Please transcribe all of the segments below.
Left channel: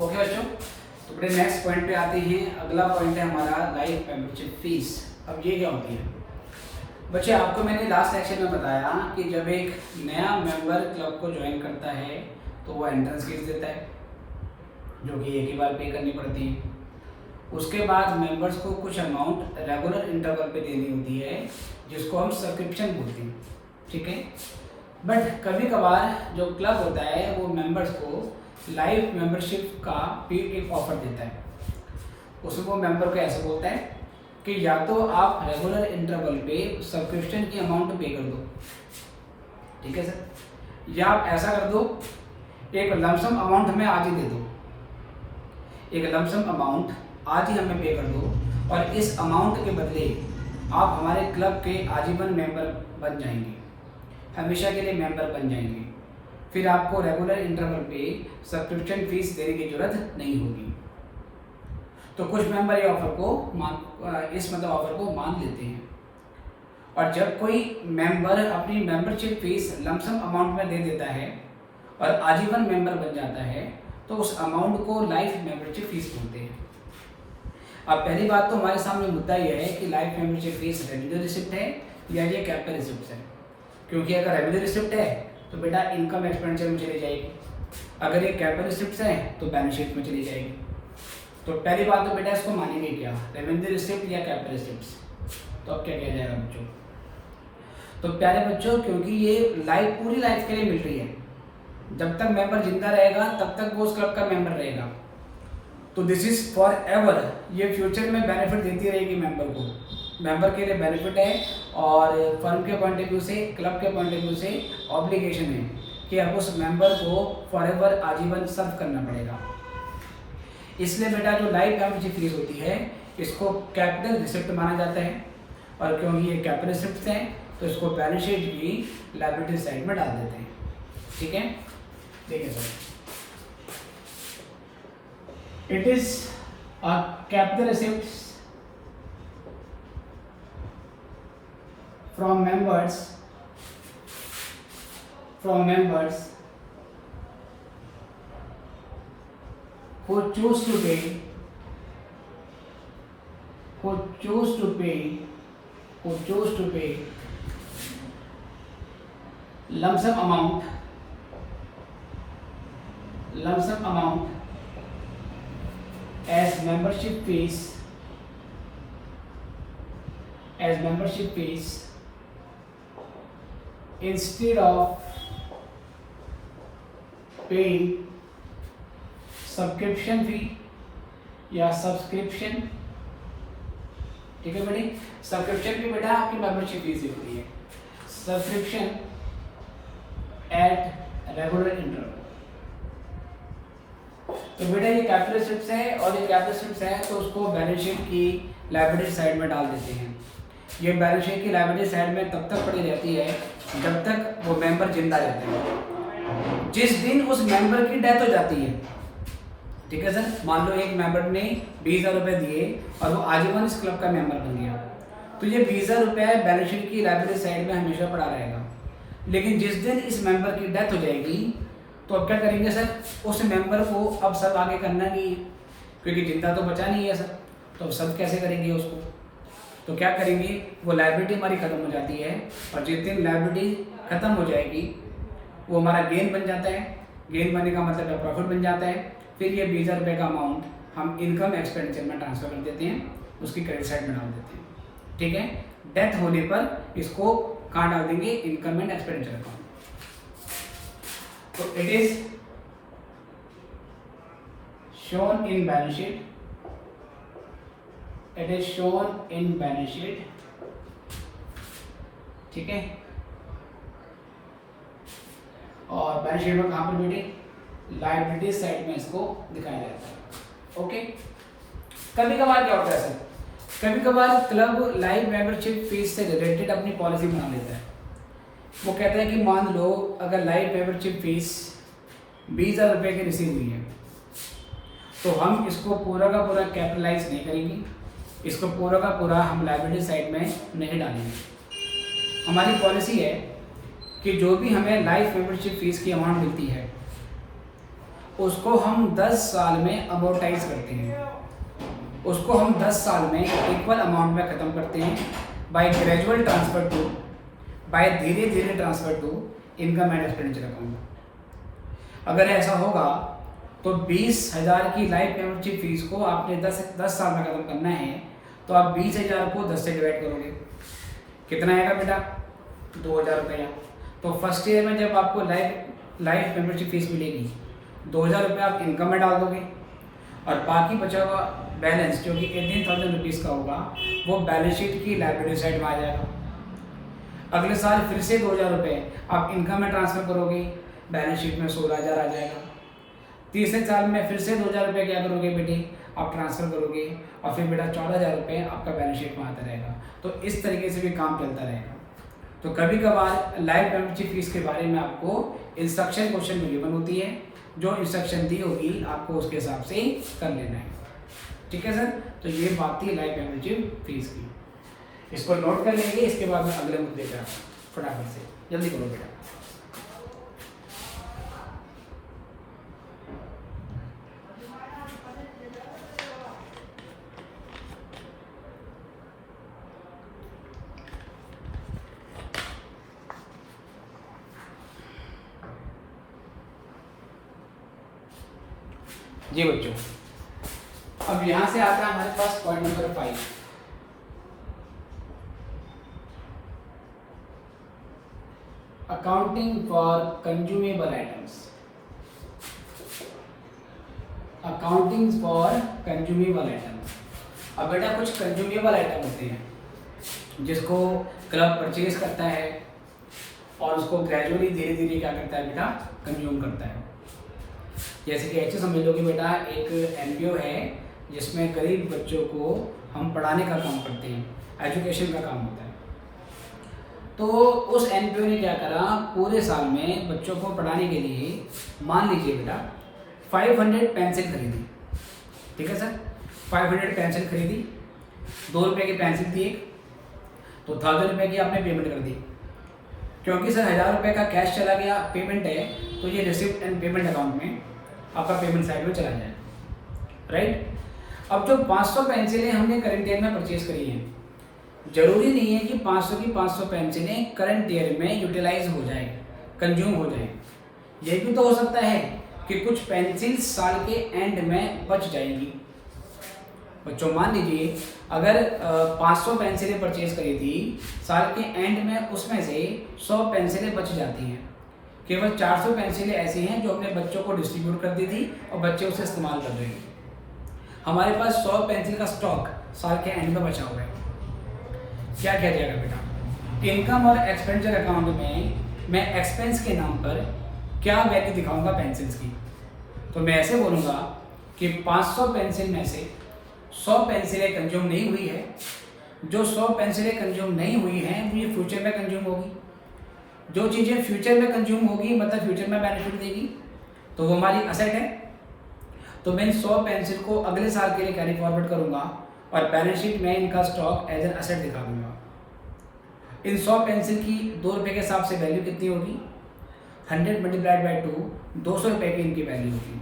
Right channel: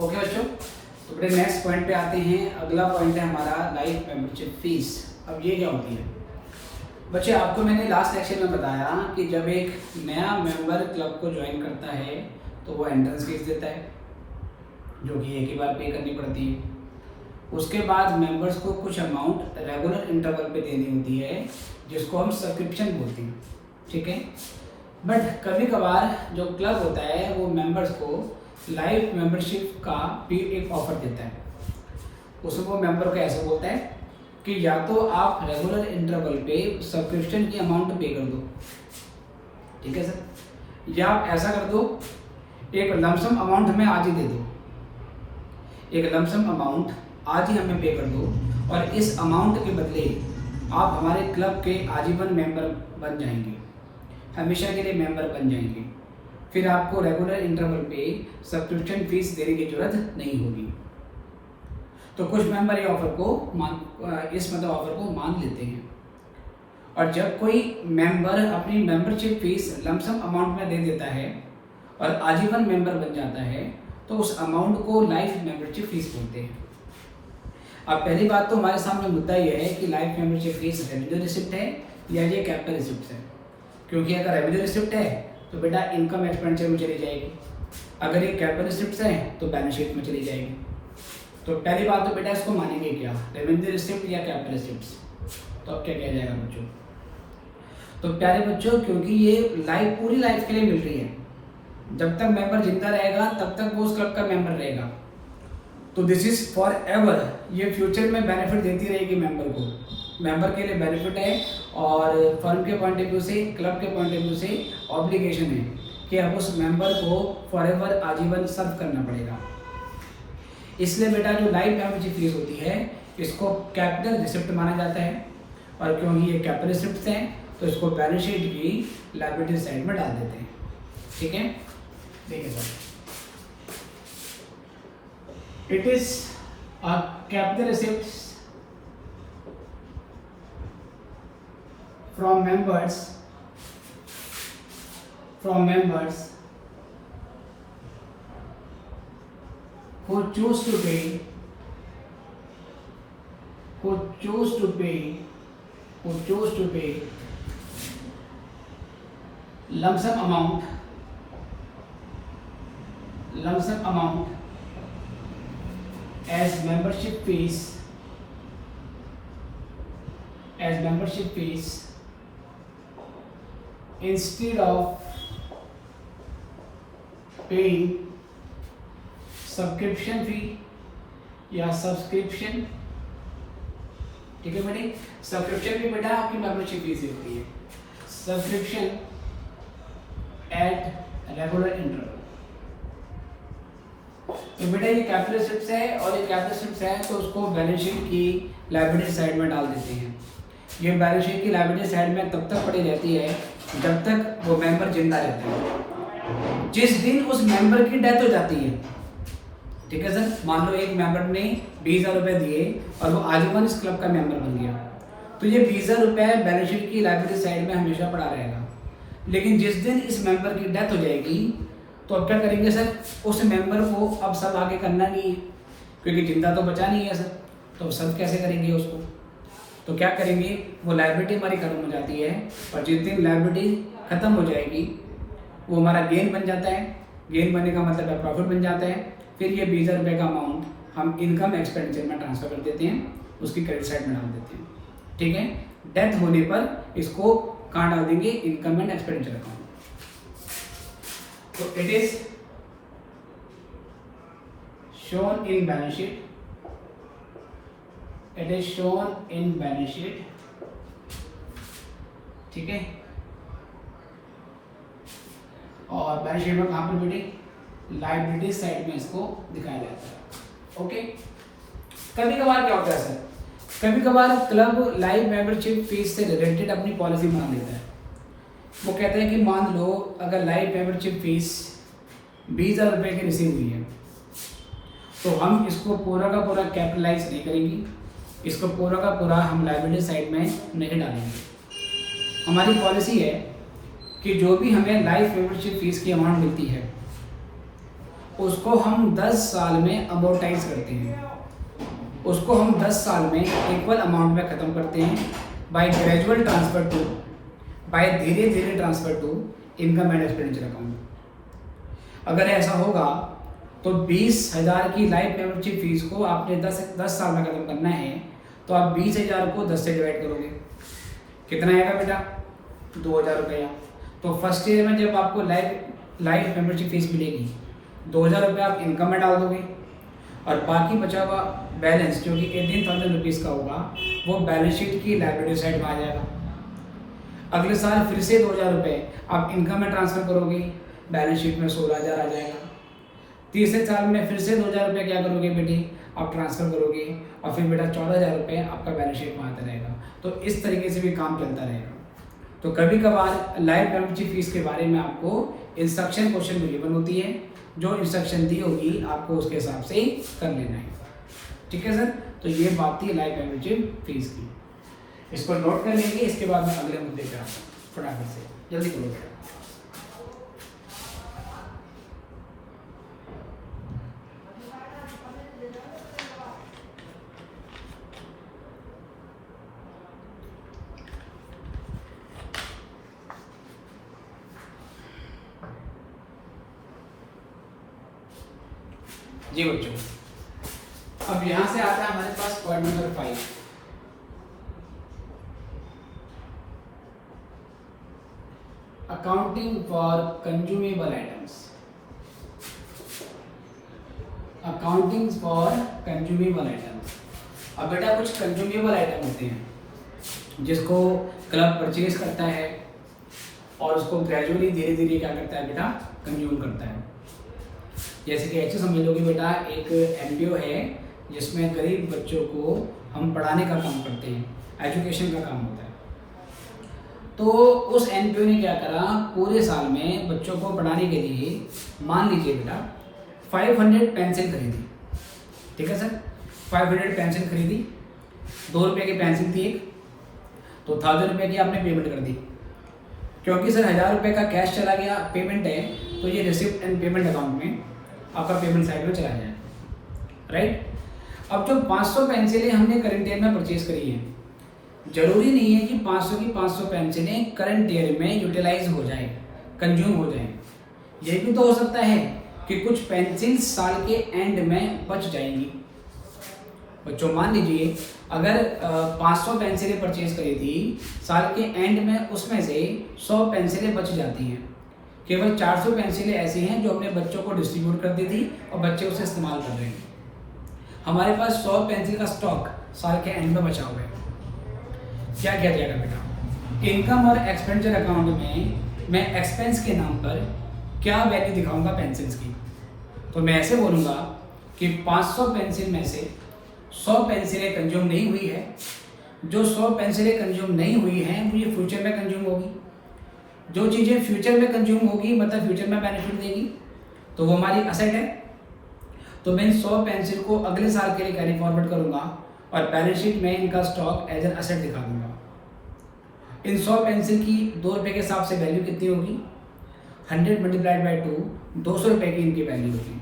Okay बच्चों, तो बड़े नेक्स्ट पॉइंट पे आते हैं। अगला पॉइंट है हमारा लाइफ मेंबरशिप फीस। अब ये क्या होती है बच्चे, आपको मैंने लास्ट लेक्चर में बताया कि जब एक नया मेंबर क्लब को ज्वाइन करता है तो वो एंट्रेंस फीस देता है जो कि एक ही बार पे करनी पड़ती है। उसके बाद मेंबर्स को कुछ अमाउंट रेगुलर इंटरवल पे देनी होती है जिसको हम सब्सक्रिप्शन बोलते हैं, ठीक है। बट कभी कभार जो क्लब होता है वो मेंबर्स को लाइफ मेंबरशिप का भी एक ऑफर देता है। उसमें वो मेंबर को ऐसे बोलता है कि या तो आप रेगुलर इंटरवल पे सब्सक्रिप्शन की अमाउंट पे कर दो, ठीक है सर, या आप ऐसा कर दो एक लमसम अमाउंट हमें आज ही दे दो, एक लमसम अमाउंट आज ही हमें पे कर दो और इस अमाउंट के बदले आप हमारे क्लब के आजीवन मेंबर बन जाएंगे, हमेशा के लिए मेंबर बन जाएंगे। फिर आपको रेगुलर इंटरवल पे सब्सक्रिप्शन फीस देने की जरूरत नहीं होगी। तो कुछ मेंबर ये ऑफर को ऑफर को मान लेते हैं और जब कोई मेंबर अपनी मेंबरशिप फीस लमसम अमाउंट में दे देता है और आजीवन मेंबर बन जाता है तो उस अमाउंट को लाइफ मेंबरशिप फीस बोलते हैं। अब पहली बात तो हमारे सामने मुद्दा यह है कि life membership fees revenue receipt है या ये कैपिटल रिसिप्ट है, क्योंकि अगर रेवेन्यू रिसिप्ट है तो बेटा इनकम एक्सपेंडिचर में चली जाएगी, अगर ये कैपिटल रिसिप्ट है तो बैलेंस शीट में चली जाएगी। तो पहली बात तो बेटा इसको मानेंगे क्या, रेवेन्यू रिसिप्ट या कैपिटल रिसिप्ट। तो अब क्या किया जाएगा बच्चों, तो प्यारे बच्चों क्योंकि ये पूरी लाइफ के लिए मिल रही है, जब तक मेंबर जिंदा रहेगा तब तक वो उस क्लब का मेंबर रहेगा, तो दिस इज फॉर एवर, ये फ्यूचर में बेनिफिट देती रहेगी मेंबर को। मेंबर के लिए बेनिफिट है और फर्म के पॉइंट ऑफ व्यू से, क्लब के पॉइंट ऑफ व्यू से ऑब्लिगेशन है कि अब उस मेंबर को फॉर एवर आजीवन सर्व करना पड़ेगा। इसलिए बेटा जो लाइफ मेंबरशिप फीस होती है इसको कैपिटल रिसिप्ट माना जाता है और क्योंकि ये कैपिटल रिसिप्ट हैं तो इसको बैलेंस शीट की लायबिलिटी साइड में डाल देते हैं, ठीक है। देखिए sir, it is a capital receipt from members who choose to pay lump sum amount as membership fees instead of paying subscription fee या सब्सक्रिप्शन, ठीक है बेटे। सब्सक्रिप्शन की बेटा आपकी मेंबरशिप फीस होती है, सब्सक्रिप्शन एट रेगुलर इंटरवल। तो बेटा ये कैपिटल रिसिप्ट्स है और ये कैपिटल रिसिप्ट्स है तो उसको बैलेंस शीट की लायबिलिटी साइड में डाल देते हैं। ये बैलेंस शीट की लायबिलिटी साइड में तब तक पड़ी रहती है जब तक वो मेंबर जिंदा रहता है। जिस दिन उस मेंबर की डेथ हो जाती है, ठीक है सर, मान लो एक मेंबर ने 20,000 रुपए दिए और वो आजीवन इस क्लब का मेंबर बन गया, तो ये 20,000 रुपए बैलेंस शीट की लायबिलिटी साइड में हमेशा पड़ा रहेगा। लेकिन जिस दिन इस मेंबर की डेथ हो जाएगी तो अब क्या करेंगे सर, उस मेंबर को अब सब आगे करना नहीं है क्योंकि जिंदा तो बचा नहीं है सर, तो सब कैसे करेंगे उसको, तो क्या करेंगे, वो लायबिलिटी हमारी खत्म हो जाती है और जिस दिन लायबिलिटी खत्म हो जाएगी वो हमारा गेन बन जाता है। गेन बनने का मतलब है प्रॉफिट बन जाता है। फिर ये 20,000 रुपये का अमाउंट हम इनकम एक्सपेंडिचर में ट्रांसफर कर देते हैं, उसकी क्रेडिट साइड में डाल देते हैं, ठीक है। डेथ होने पर इसको कहाँ डाल देंगे, इनकम एंड एक्सपेंडिचर अकाउंट। तो it is shown in balance sheet, it is shown in balance sheet, ठीक है। और बैलेंस शीट में कहां पर बेटे, लायबिलिटी साइड में इसको दिखाया जाता है, ओके। कभी कभार क्या होता है सर, कभी कभार क्लब लाइफ मेंबरशिप फीस से रिलेटेड अपनी पॉलिसी बना लेता है। वो कहते हैं कि मान लो अगर लाइफ मेंबरशिप फीस 20,000 रुपये की रिसीव हुई है तो हम इसको पूरा का पूरा कैपिटलाइज नहीं करेंगे, इसको पूरा का पूरा हम लायबिलिटी साइड में नहीं डालेंगे। हमारी पॉलिसी है कि जो भी हमें लाइफ मेंबरशिप फीस की अमाउंट मिलती है उसको हम 10 साल में अमोर्टाइज करते हैं, उसको हम 10 साल में इक्वल अमाउंट में ख़त्म करते हैं by gradual transfer to, by धीरे धीरे transfer to income and expenditure account. अगर ऐसा होगा तो 20,000 की लाइफ मेंबरशिप फीस को आपने 10 साल में ख़त्म करना है, तो आप 20,000 को 10 से डिवाइड करोगे, कितना आएगा बेटा? 2,000 रुपया। तो फर्स्ट ईयर में जब आपको लाइफ मेंबरशिप फीस मिलेगी, 2,000 रुपये आप इनकम में डाल दोगे और बाकी बचा हुआ बैलेंस जो कि 18,000 रुपीज़ का होगा वो बैलेंस शीट की लायबिलिटी साइड में आ जाएगा। अगले साल फिर से 2,000 रुपये आप इनकम में ट्रांसफ़र करोगे, बैलेंस शीट में 16,000 आ जाएगा। तीसरे साल में फिर से 2,000 रुपये क्या करोगे बेटे? आप ट्रांसफ़र करोगे और फिर बेटा 14,000 रुपये आपका बैलेंस शीट में आता रहेगा। तो इस तरीके से भी काम चलता रहेगा। तो कभी कभार लाइफ मेंबरशिप फीस के बारे में आपको इंस्ट्रक्शन क्वेश्चन में गिवन होती है, जो इंस्ट्रक्शन दी होगी आपको उसके हिसाब से कर लेना है। ठीक है सर, तो ये बात थी लाइफ मेंबरशिप फीस की। इसको नोट कर लेंगे, इसके बाद में अगले मुद्दे पर फटाफट से जल्दी करो। जी बच्चों, अब यहां से आता है हमारे पास point number 5, accounting for consumable items. Accounting for consumable item. अब बेटा कुछ कंज्यूमेबल आइटम होते हैं जिसको क्लब परचेज करता है और उसको ग्रेजुअली धीरे धीरे क्या करता है बेटा? कंज्यूम करता है। जैसे कि ऐसे समझ लो कि बेटा एक एनपीओ है जिसमें गरीब बच्चों को हम पढ़ाने का काम करते हैं, एजुकेशन का काम होता है। तो उस एनपीओ ने क्या करा, पूरे साल में बच्चों को पढ़ाने के लिए मान लीजिए बेटा 500 पेंसिल खरीदी। ठीक है सर, 500 पेंसिल खरीदी, 2 रुपये की पेंसिल थी एक, तो 1000 रुपये की आपने पेमेंट कर दी। क्योंकि सर 1000 रुपये का कैश चला गया, पेमेंट है, तो ये रिसिप्ट एंड पेमेंट अकाउंट में आपका पेमेंट साइड में चला जाए, राइट। अब जो 500 पेंसिलें हमने करंट ईयर में परचेज करी हैं, जरूरी नहीं है कि 500 की 500 पेंसिलें करंट ईयर में यूटिलाइज हो जाए, कंज्यूम हो जाए। ये भी तो हो सकता है कि कुछ पेंसिल साल के एंड में बच जाएंगी। बच्चों मान लीजिए अगर 500 पेंसिलें परचेज करी थी, साल के एंड में उसमें से 100 पेंसिलें बच जाती हैं, केवल 400 पेंसिलें ऐसी हैं जो हमने बच्चों को डिस्ट्रीब्यूट कर दी थी और बच्चे उसे इस्तेमाल कर रहे हैं। हमारे पास 100 पेंसिल का स्टॉक साल के एंड में बचा हुआ है। क्या किया जाएगा बेटा? इनकम और एक्सपेंडिचर अकाउंट में मैं एक्सपेंस के नाम पर क्या वैल्यू दिखाऊंगा पेंसिल्स की? तो मैं ऐसे बोलूँगा कि 500 पेंसिल में से 100 पेंसिलें कंज्यूम नहीं हुई है। जो 100 पेंसिलें कंज्यूम नहीं हुई हैं वो ये फ्यूचर में कंज्यूम होगी। जो चीज़ें फ्यूचर में कंज्यूम होगी मतलब फ्यूचर में बेनिफिट देगी, तो वो हमारी असेट है। तो मैं इन 100 पेंसिल को अगले साल के लिए कैरी फॉरवर्ड करूंगा और बैलेंस शीट में इनका स्टॉक एज एन असेट दिखा दूंगा। इन 100 पेंसिल की 2 रुपये के हिसाब से वैल्यू कितनी होगी? 100 मल्टीप्लाइड बाई 2, 200 रुपये की इनकी वैल्यू होगी।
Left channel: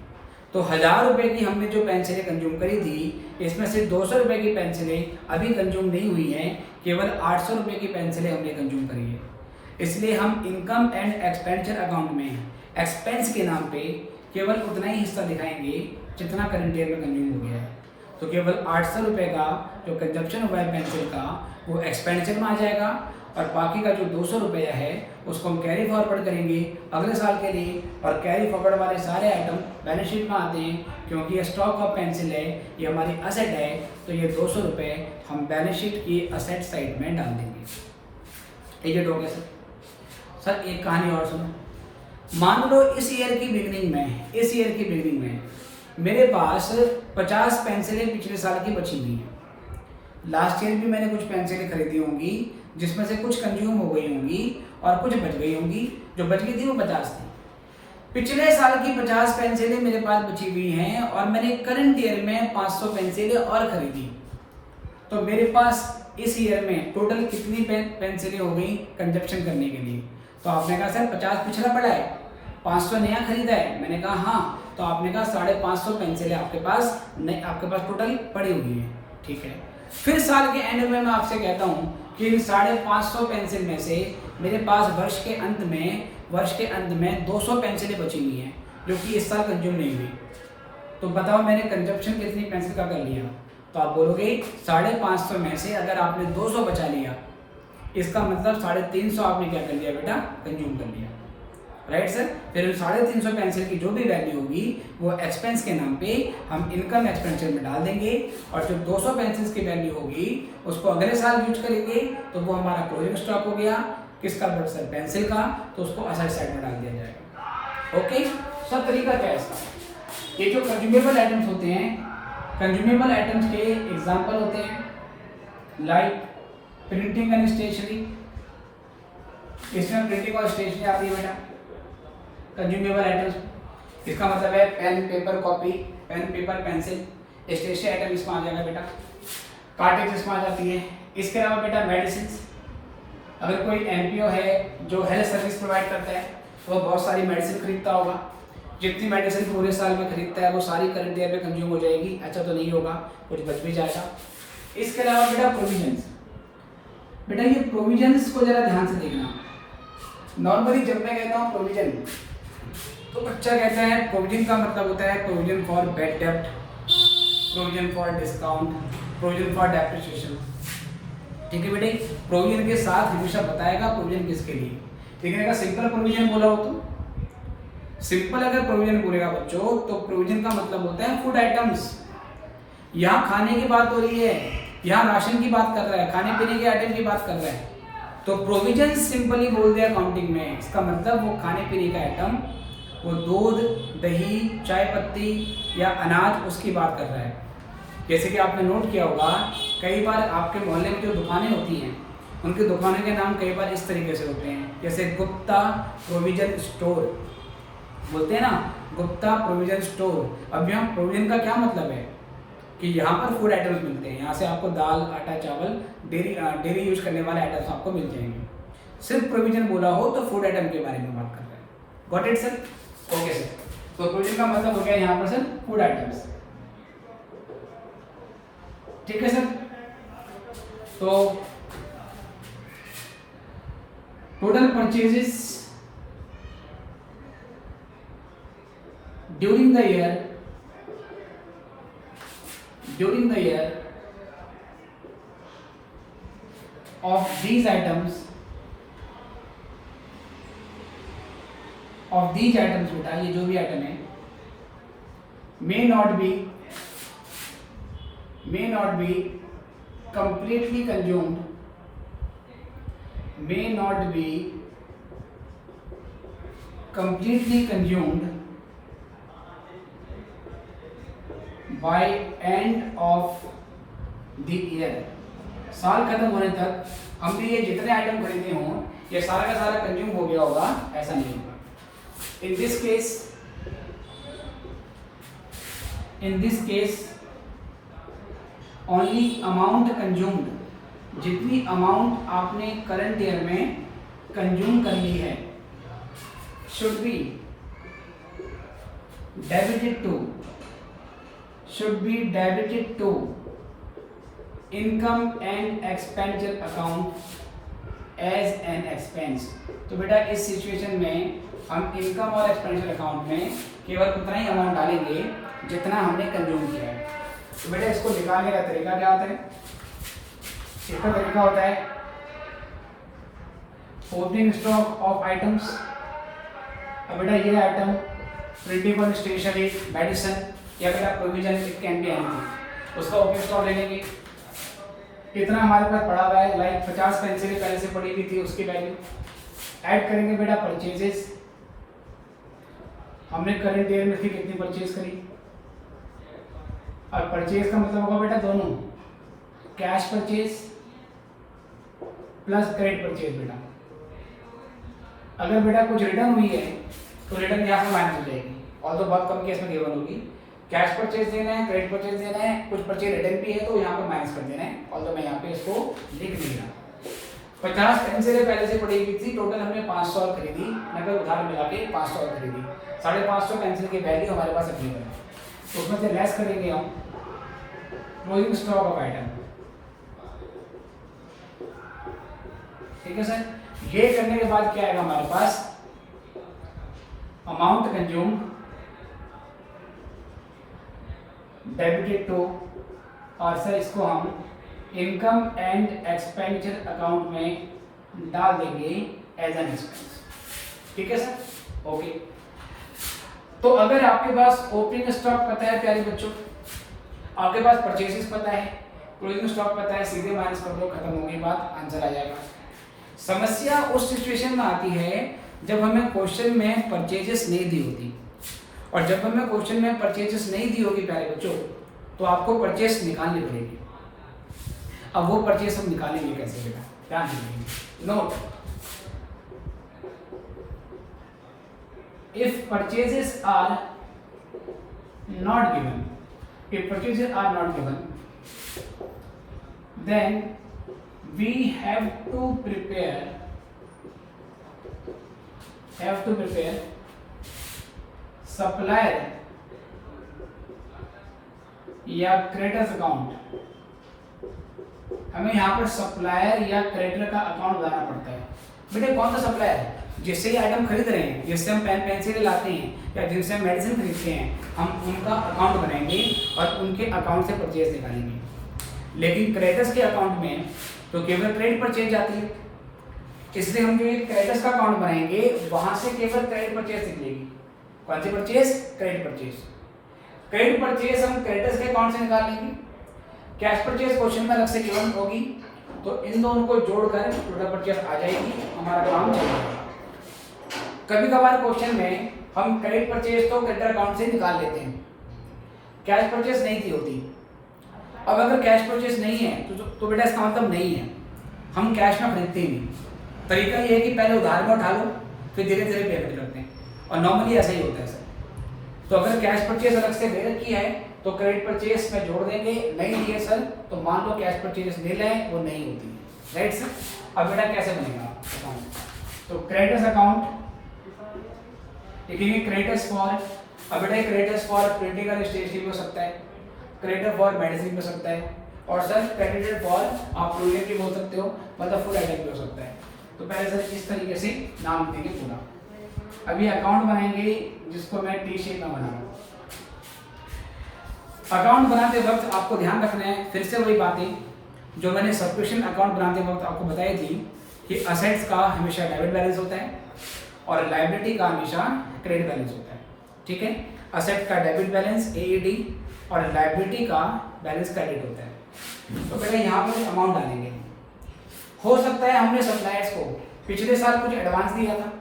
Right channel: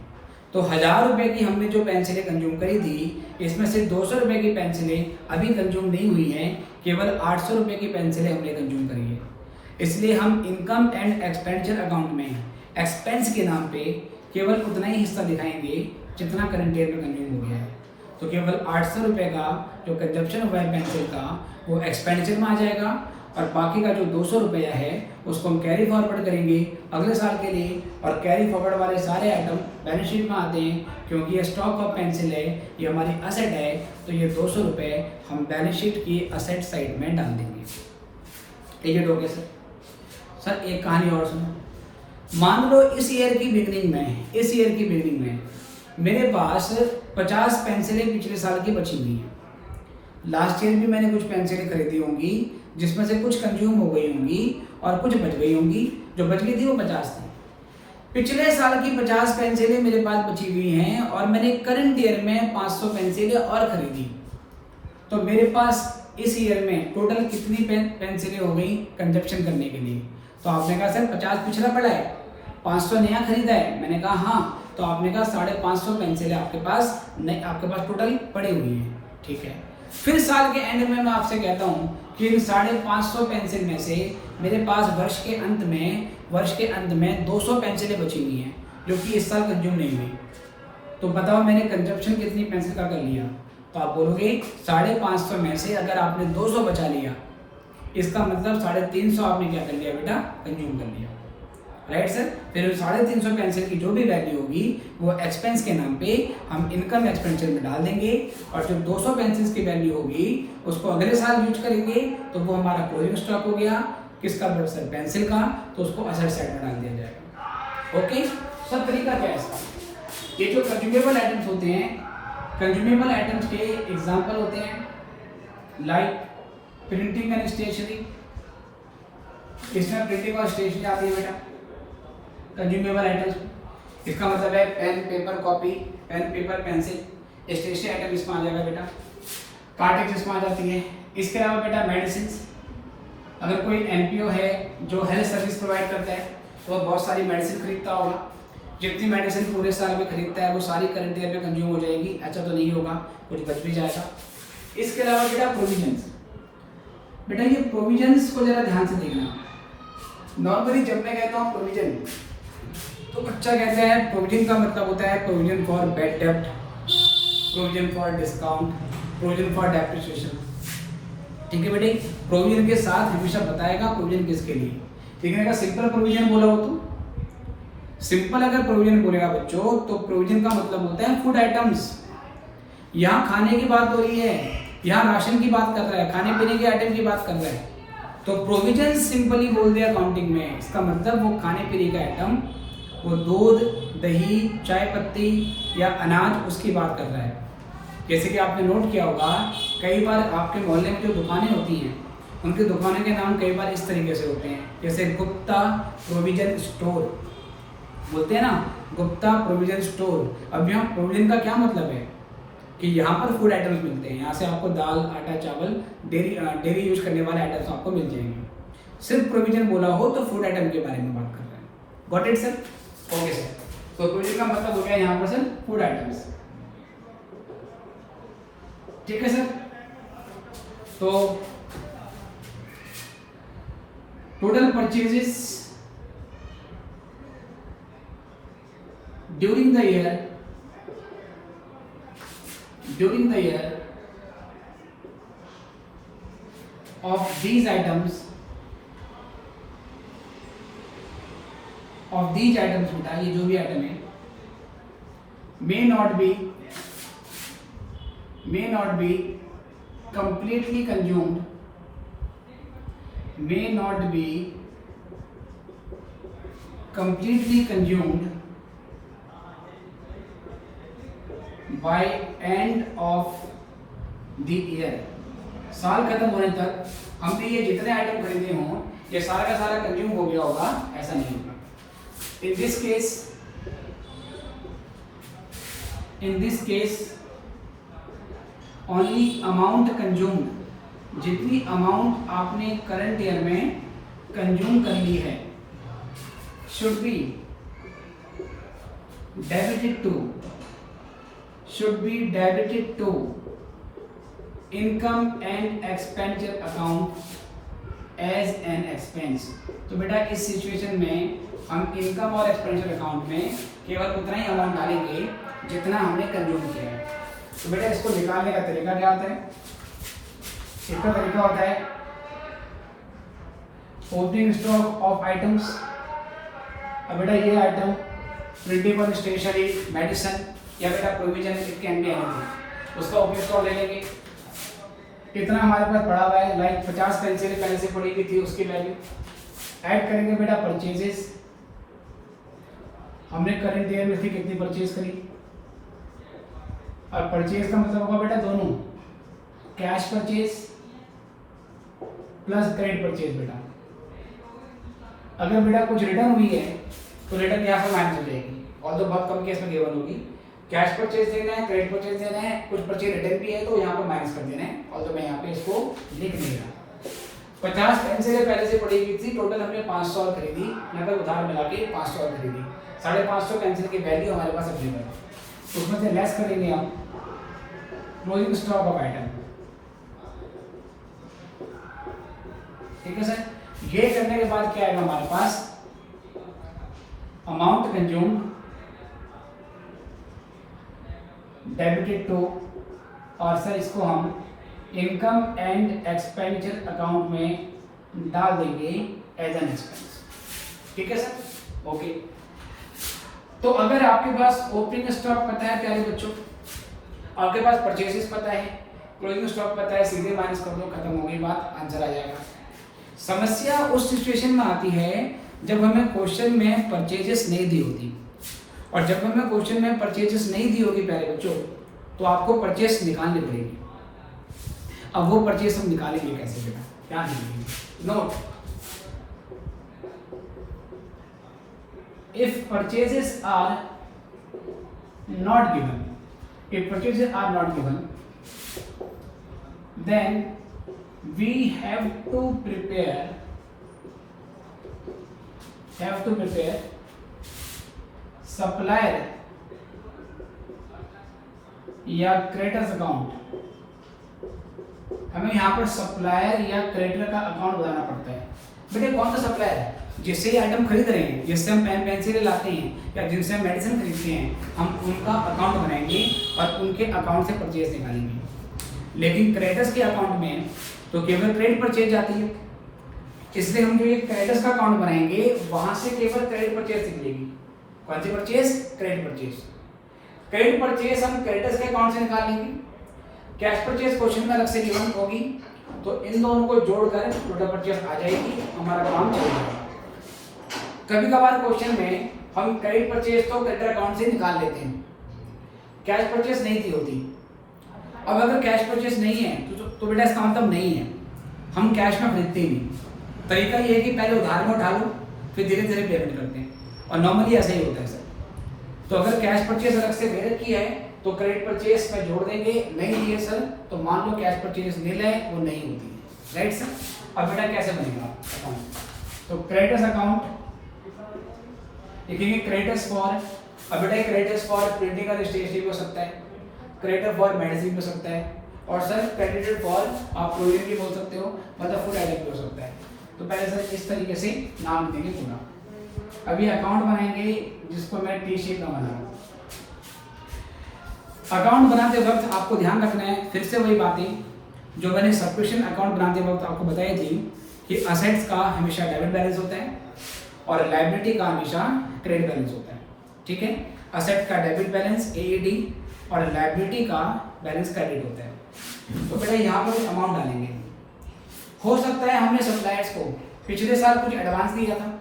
तो 1000 रुपये की हमने जो पेंसिलें कंज्यूम करी थी, इसमें से 200 रुपये की पेंसिलें अभी कंज्यूम नहीं हुई हैं, केवल 800 रुपये की पेंसिलें हमने कंज्यूम करी है। इसलिए हम इनकम एंड एक्सपेंडिचर अकाउंट में एक्सपेंस के नाम पे केवल उतना ही हिस्सा दिखाएंगे जितना करंट ईयर में कंज्यूम हो गया है। तो केवल 800 रुपये का जो कंजप्शन हुआ है पेंसिल का वो एक्सपेंडिचर में आ जाएगा और बाकी का जो 200 रुपया है उसको हम कैरी फॉरवर्ड करेंगे अगले साल के लिए। और कैरी फॉरवर्ड वाले सारे आइटम बैलेंस शीट में आते हैं क्योंकि ये स्टॉक ऑफ पेंसिल है, ये हमारी असेट है। तो ये 200 रुपये हम बैलेंस शीट की असेट साइड में डाल देंगे। ये हो गया सर। सर एक कहानी और सुनो। मान लो इस ईयर की बिगनिंग में मेरे पास 50 पेंसिलें पिछले साल की बची हुई हैं। लास्ट ईयर भी मैंने कुछ पेंसिलें खरीदी होंगी जिसमें से कुछ कंज्यूम हो गई होंगी और कुछ बच गई होंगी। जो बच गई थी वो 50 थी। पिछले साल की 50 पेंसिलें मेरे पास बची हुई हैं और मैंने करंट ईयर में 500 पेंसिलें और खरीदी। तो मेरे पास इस ईयर में टोटल कितनी पेंसिलें हो गई कंजप्शन करने के लिए? तो आपने कहा सर 50 पिछला पड़ा है, 500 नया खरीदा है। मैंने कहा हाँ, तो आपने कहा 550 पेंसिल आपके पास नहीं, आपके पास टोटल पड़ी हुई है, ठीक है। फिर साल के एंड में मैं आपसे कहता हूँ कि इन 550 पेंसिल में से मेरे पास वर्ष के अंत में 200 पेंसिलें बची हुई हैं जो कि इस साल कंज्यूम नहीं हुई। तो बताओ मैंने कंजप्शन कितनी पेंसिल का कर लिया? तो आप बोलोगे 550 में से अगर आपने 200 बचा लिया, इसका मतलब 350 आपने क्या कर लिया बेटा? कंज्यूम कर लिया, राइट सर। फिर 350 पेंसिल की जो भी वैल्यू होगी वो एक्सपेंस के नाम पे हम इनकम एक्सपेंडिचर में डाल देंगे, और जो 200 पेंसिल्स की वैल्यू होगी उसको अगले साल यूज करेंगे, तो वो हमारा क्लोजिंग स्टॉक हो गया। किसका सर? पेंसिल का। तो उसको असेट साइड में डाल दिया जाएगा। ओके, सब तरीका क्या है इसका? ये जो कंज्यूमेबल आइटम्स होते हैं, कंज्यूमेबल आइटम्स के एग्जांपल होते हैं लाइक प्रिंटिंग एंड स्टेशनरी। इसमें प्रिंटिंग और स्टेशनरी आती है बेटा कंज्यूमेबल आइटम्स। इसका मतलब है pen, paper, copy, pen, paper, pencil. Stationery item इसमें आ जाएगा बेटा। कार्टेज इसमें आ जाती है। इसके अलावा बेटा मेडिसिन। अगर कोई एनपीओ है जो हेल्थ सर्विस प्रोवाइड करता है तो वो बहुत सारी मेडिसिन खरीदता होगा। जितनी मेडिसिन पूरे साल में खरीदता है वो सारी करंट ईयर में कंज्यूम हो जाएगी। अच्छा तो नहीं होगा, कुछ बच भी जाएगा। इसके अलावा बेटा प्रोविजंस। बेटा ये प्रोविजंस को जरा ध्यान से देखना। नॉर्मली जब मैं कहता हूँ प्रोविजन तो बच्चा कहता है प्रोविजन का मतलब होता है प्रोविजन फॉर बैड डेब्ट, provision for discount, provision for depreciation, ठीक है बेटे। प्रोविजन के साथ हमेशा बताएगा प्रोविजन किसके लिए। लेकिन अगर सिंपल प्रोविजन बोला हो तो सिंपल अगर प्रोविजन बोलेगा बच्चों तो प्रोविजन का मतलब होता है फूड आइटम्स। यहाँ खाने की बात हो रही है, यहाँ राशन की बात कर रहा है, खाने पीने के आइटम की बात कर रहा है। तो प्रोविजन सिंपली बोल दिया अकाउंटिंग में, इसका मतलब वो खाने पीने का आइटम, वो दूध, दही, चाय पत्ती या अनाज, उसकी बात कर रहा है। जैसे कि आपने नोट किया होगा कई बार आपके मोहल्ले में जो दुकानें होती हैं उनकी दुकानों के नाम कई बार इस तरीके से होते हैं, जैसे गुप्ता प्रोविजन स्टोर बोलते हैं ना, गुप्ता प्रोविजन स्टोर। अब यहाँ प्रोविजन का क्या मतलब है कि यहाँ पर फूड आइटम्स मिलते हैं। यहाँ से आपको दाल, आटा, चावल, डेली यूज करने वाले आइटम्स आपको मिल जाएंगे। सिर्फ प्रोविजन बोला हो तो फूड आइटम के बारे में बात कर रहे हैं। Got it sir? Okay sir. तो प्रोविजन का मतलब हो गया यहाँ पर सर फूड आइटम्स, ठीक है सर। तो total purchases during the year of these items बेटा ये जो भी आइटम है may not be completely consumed by end of the year। साल खत्म होने तक हम भी ये जितने आइटम खरीदे हों ये सारा का सारा कंज्यूम हो गया होगा, ऐसा नहीं होगा। in this case only amount consumed, जितनी अमाउंट आपने करंट ईयर में कंज्यूम कर ली है should be debited to income and expenditure account as an expense। तो बेटा इस सिचुएशन में हम इनकम और एक्सपेंडिचर अकाउंट में केवल उतना ही अमाउंट डालेंगे जितना हमने कंज्यूम किया है। तो बेटा इसको निकालने का तरीका क्या होता है? इसका तरीका होता है ओपनिंग स्टॉक ऑफ आइटम्स। अब बेटा ये आइटम प्रिंटेबल, स्टेशनरी, मेडिसिन या बेटा provision, it can be anything, उसका ओपनिंग स्टॉक ले लेंगे। कितना हमारे पास पड़ा हुआ है, लाइक 50 पेंसिल पहले से पड़ी हुई थी, उसकी वैल्यू ऐड करेंगे बेटा परचेजेस। हमने करंट ईयर में उसकी कितनी परचेज करी, और परचेज का मतलब होगा बेटा दोनों, cash purchase plus credit purchase. बेटा अगर बेटा कुछ रिटर्न हुई है तो रिटर्न यहाँ पर माइनस हो जाएगी, और तो बहुत कम केस में गिवन होगी। कैश परचेज देना है, क्रेडिट परचेज देना है, कुछ परचेज रिटर्न भी है तो यहाँ पर माइनस कर देना है, और तो मैं यहाँ पे इसको लिख नहीं रहा। 50 पेंसिलें पहले से पड़ी हुई थी, टोटल हमने 500 और खरीदी, नकद उधार मिला के 500 और खरीदी, 550 पेंसिल की वैल्यू हमारे पास अवेलेबल है। तो उसमें से लेस करेंगे हम क्लोजिंग स्टॉक ऑफ आइटम। ठीक है सर, ये करने के बाद क्या आएगा हमारे पास, अमाउंट कंज्यूम डेबिटेड टू, और सर इसको हम इनकम एंड एक्सपेंडिचर अकाउंट में डाल देंगे एज एन एक्सपेंस। ठीक है सर, ओके। तो अगर आपके पास ओपनिंग स्टॉक पता है प्यारे बच्चों, आपके पास परचेसेस पता है, क्लोजिंग स्टॉक पता है, सीधे माइनस कर दो, खत्म हो गई बात, आंसर आ जाएगा। समस्या उस सिचुएशन में आती है जब हमें क्वेश्चन में परचेजेस नहीं दी होती, और जब हमें क्वेश्चन में परचेजेस नहीं दी होगी प्यारे बच्चों, तो आपको परचेस निकालनी पड़ेगी। अब वो परचेस हम निकालेंगे कैसे बेटा, ध्यान दीजिए। Note, if purchases are not given, if purchases are not given, then we have to prepare supplier या क्रेडिटर्स अकाउंट। हमें यहाँ पर सप्लायर या क्रेडिटर का अकाउंट बनाना पड़ता है। बेटे कौन सा सप्लायर, जिससे ये आइटम खरीद रहे हैं, जिससे हम पेन पेंसिल लाते हैं या जिनसे हम मेडिसिन खरीदते हैं, हम उनका अकाउंट बनाएंगे और उनके अकाउंट से परचेज निकालेंगे। लेकिन क्रेडिटर्स के अकाउंट में तो केवल क्रेडिट परचेज आती है, इसलिए हम जो क्रेडिटर्स का अकाउंट बनाएंगे वहां से केवल क्रेडिट परचेज निकलेगी। कौन सी purchase, credit purchase. Credit purchase हम क्रेडिटर्स के अकाउंट से निकाल लेंगे, कैश परचेज क्वेश्चन में अलग से गिवन होगी, तो इन दोनों को जोड़कर टोटल परचेज आ जाएगी, हमारा काम चल जाएगा। कभी कभार क्वेश्चन में हम क्रेडिट परचेज तो क्रेडिटर अकाउंट से निकाल लेते हैं, कैश परचेज नहीं थी होती। अब अगर कैश परचेज नहीं है तो बेटा इसका मतलब नहीं है, हम कैश में खरीदते ही नहीं। तरीका ये है कि पहले उधार में उठा लो, फिर धीरे धीरे पेमेंट करते हैं, और नॉर्मली ऐसा ही होता है सर। तो अगर कैश परचेज अलग से दे रखी है तो क्रेडिट परचेज में जोड़ देंगे, नहीं दिए सर तो मान लो कैश परचेज ले लें, वो नहीं होती, राइट सर। अब बेटा कैसे बनेगा अकाउंट, तो क्रेडिटर्स अकाउंट लिखेंगे, क्रेडिटर्स फॉर, अब बेटा क्रेडिटर्स फॉर प्रिंटिंग और स्टेशनरी हो सकता है, क्रेडिटर फॉर मेडिसिन हो सकता है, और सर क्रेडिटर फॉर आप प्रोविजन भी बोल सकते हो, मतलब फूड आइटम भी हो सकता है। तो पहले सर इस तरीके से नाम देंगे पूरा। अभी अकाउंट बनाएंगे जिसको मैं टी शेप में बना रहा हूँ। अकाउंट बनाते वक्त आपको ध्यान रखना है, फिर से वही बातें जो मैंने सब्सक्रिप्शन अकाउंट बनाते वक्त आपको बताई थी कि असेट्स का हमेशा डेबिट बैलेंस होता है और लायबिलिटी का हमेशा क्रेडिट बैलेंस होता है। ठीक है, असेट का डेबिट बैलेंस AED और लायबिलिटी का बैलेंस क्रेडिट होता है। तो पहले यहाँ पर अमाउंट डालेंगे। हो सकता है हमने सप्लायर्स को पिछले साल कुछ एडवांस दिया था,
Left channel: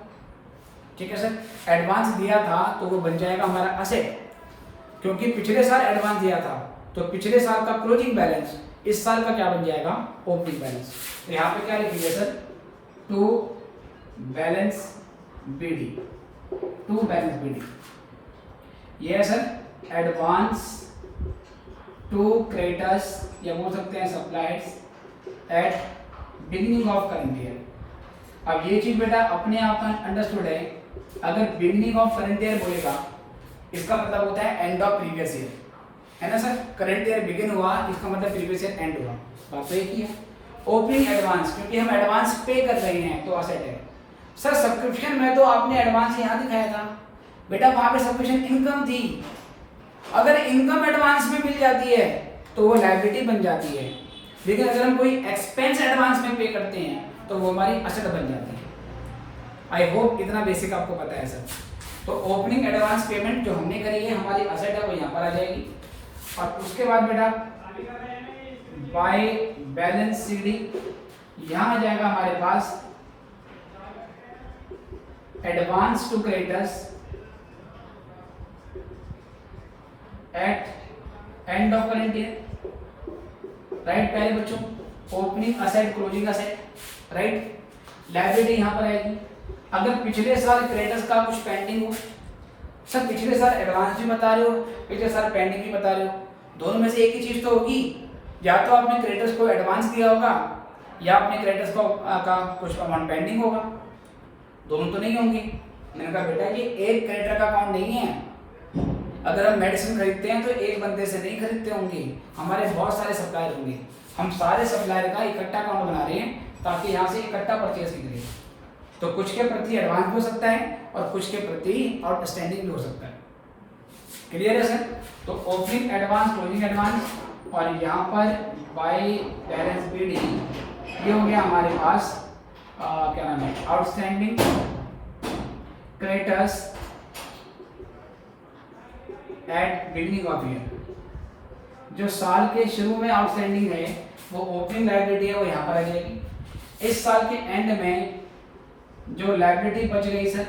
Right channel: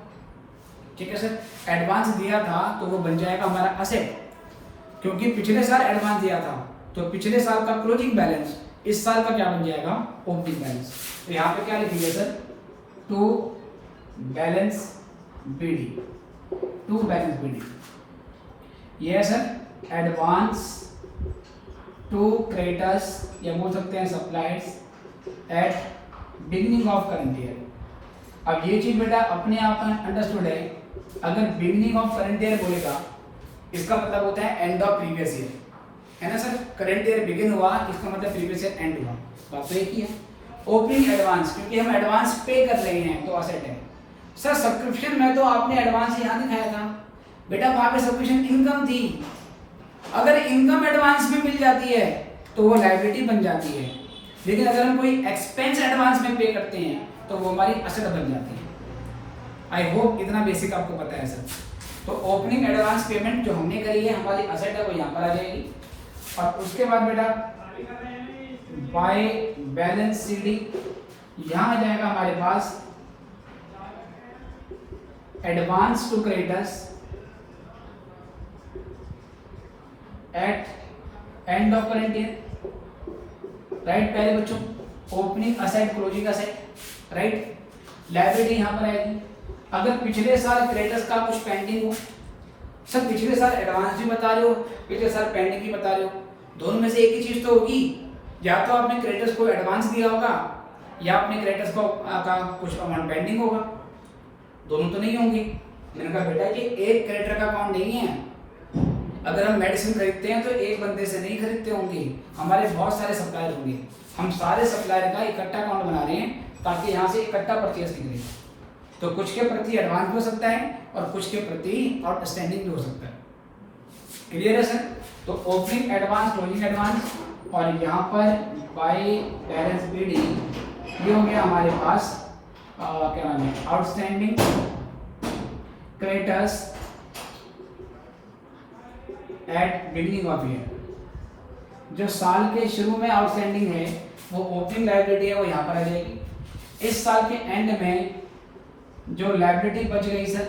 ठीक है सर, एडवांस दिया था तो वो बन जाएगा हमारा असेट, क्योंकि पिछले साल एडवांस दिया था तो पिछले साल का क्लोजिंग बैलेंस इस साल का क्या बन जाएगा, ओपनिंग बैलेंस। तो यहाँ पे क्या लिखिए सर, टू बैलेंस BD, ये है सर एडवांस टू क्रेडिटर्स या बोल सकते हैं suppliers at beginning of current year. अब ये चीज बेटा अपने आप अंडरस्टूड है, अगर बिगिनिंग ऑफ करंट ईयर बोलेगा इसका मतलब होता है एंड ऑफ प्रीवियस ईयर, है ना सर। करंट ईयर बिगिन हुआ इसका मतलब प्रीवियस ईयर एंड हुआ, बात तो एक ही है। ओपनिंग एडवांस, क्योंकि हम एडवांस पे कर रहे हैं तो असेट है सर। सब्सक्रिप्शन में तो आपने एडवांस यहाँ दिखाया था बेटा, वहां पे सब्सक्रिप्शन इनकम थी, अगर इनकम एडवांस में मिल जाती है तो वो लायबिलिटी बन जाती है, लेकिन अगर हम कोई एक्सपेंस एडवांस में पे करते हैं तो वो हमारी असेट बन जाती है। आई होप इतना बेसिक आपको पता है सर। तो ओपनिंग एडवांस पेमेंट जो हमने करी है हमारी असेट है वो यहाँ पर आ जाएगी, और उसके बाद बेटा बाय बैलेंस CD यहाँ आ जाएगा हमारे पास advance to creditors at end of current year, right पहले बच्चों, opening asset closing asset, right. Liability यहाँ पर आएगी। अगर पिछले साल क्रेडिटर्स का कुछ पेंडिंग हो, सर पिछले साल एडवांस भी बता रहे हो, पिछले साल पेंडिंग भी बता रहे हो, दोनों में से एक ही चीज तो होगी, या तो आपने क्रेडिटर्स को एडवांस दिया होगा या अपने क्रेडिटर्स का कुछ अमाउंट पेंडिंग होगा, दोनों तो नहीं होंगी। मैंने कहा बेटा ये एक क्रेडिटर का अकाउंट नहीं है, अगर हम मेडिसिन खरीदते हैं तो एक बंदे से नहीं खरीदते होंगे, हमारे बहुत सारे सप्लायर होंगे, हम सारे सप्लायर का इकट्ठा अकाउंट बना रहे हैं ताकि यहाँ से इकट्ठा परचेज निकले। तो कुछ के प्रति एडवांस भी हो सकता है और कुछ के प्रति आउटस्टैंडिंग भी हो सकता है। क्लियर है सर? तो ओपनिंग एडवांस, क्लोजिंग एडवांस और यहाँ पर बाय बैलेंस बीडी ये हो गया हमारे पास क्या नाम है, outstanding creditors at beginning of year. जो साल के शुरू में आउटस्टैंडिंग है वो ओपनिंग लायबिलिटी है, वो यहाँ पर आ जाएगी। इस साल के एंड में जो लायबिलिटी बच गई सर,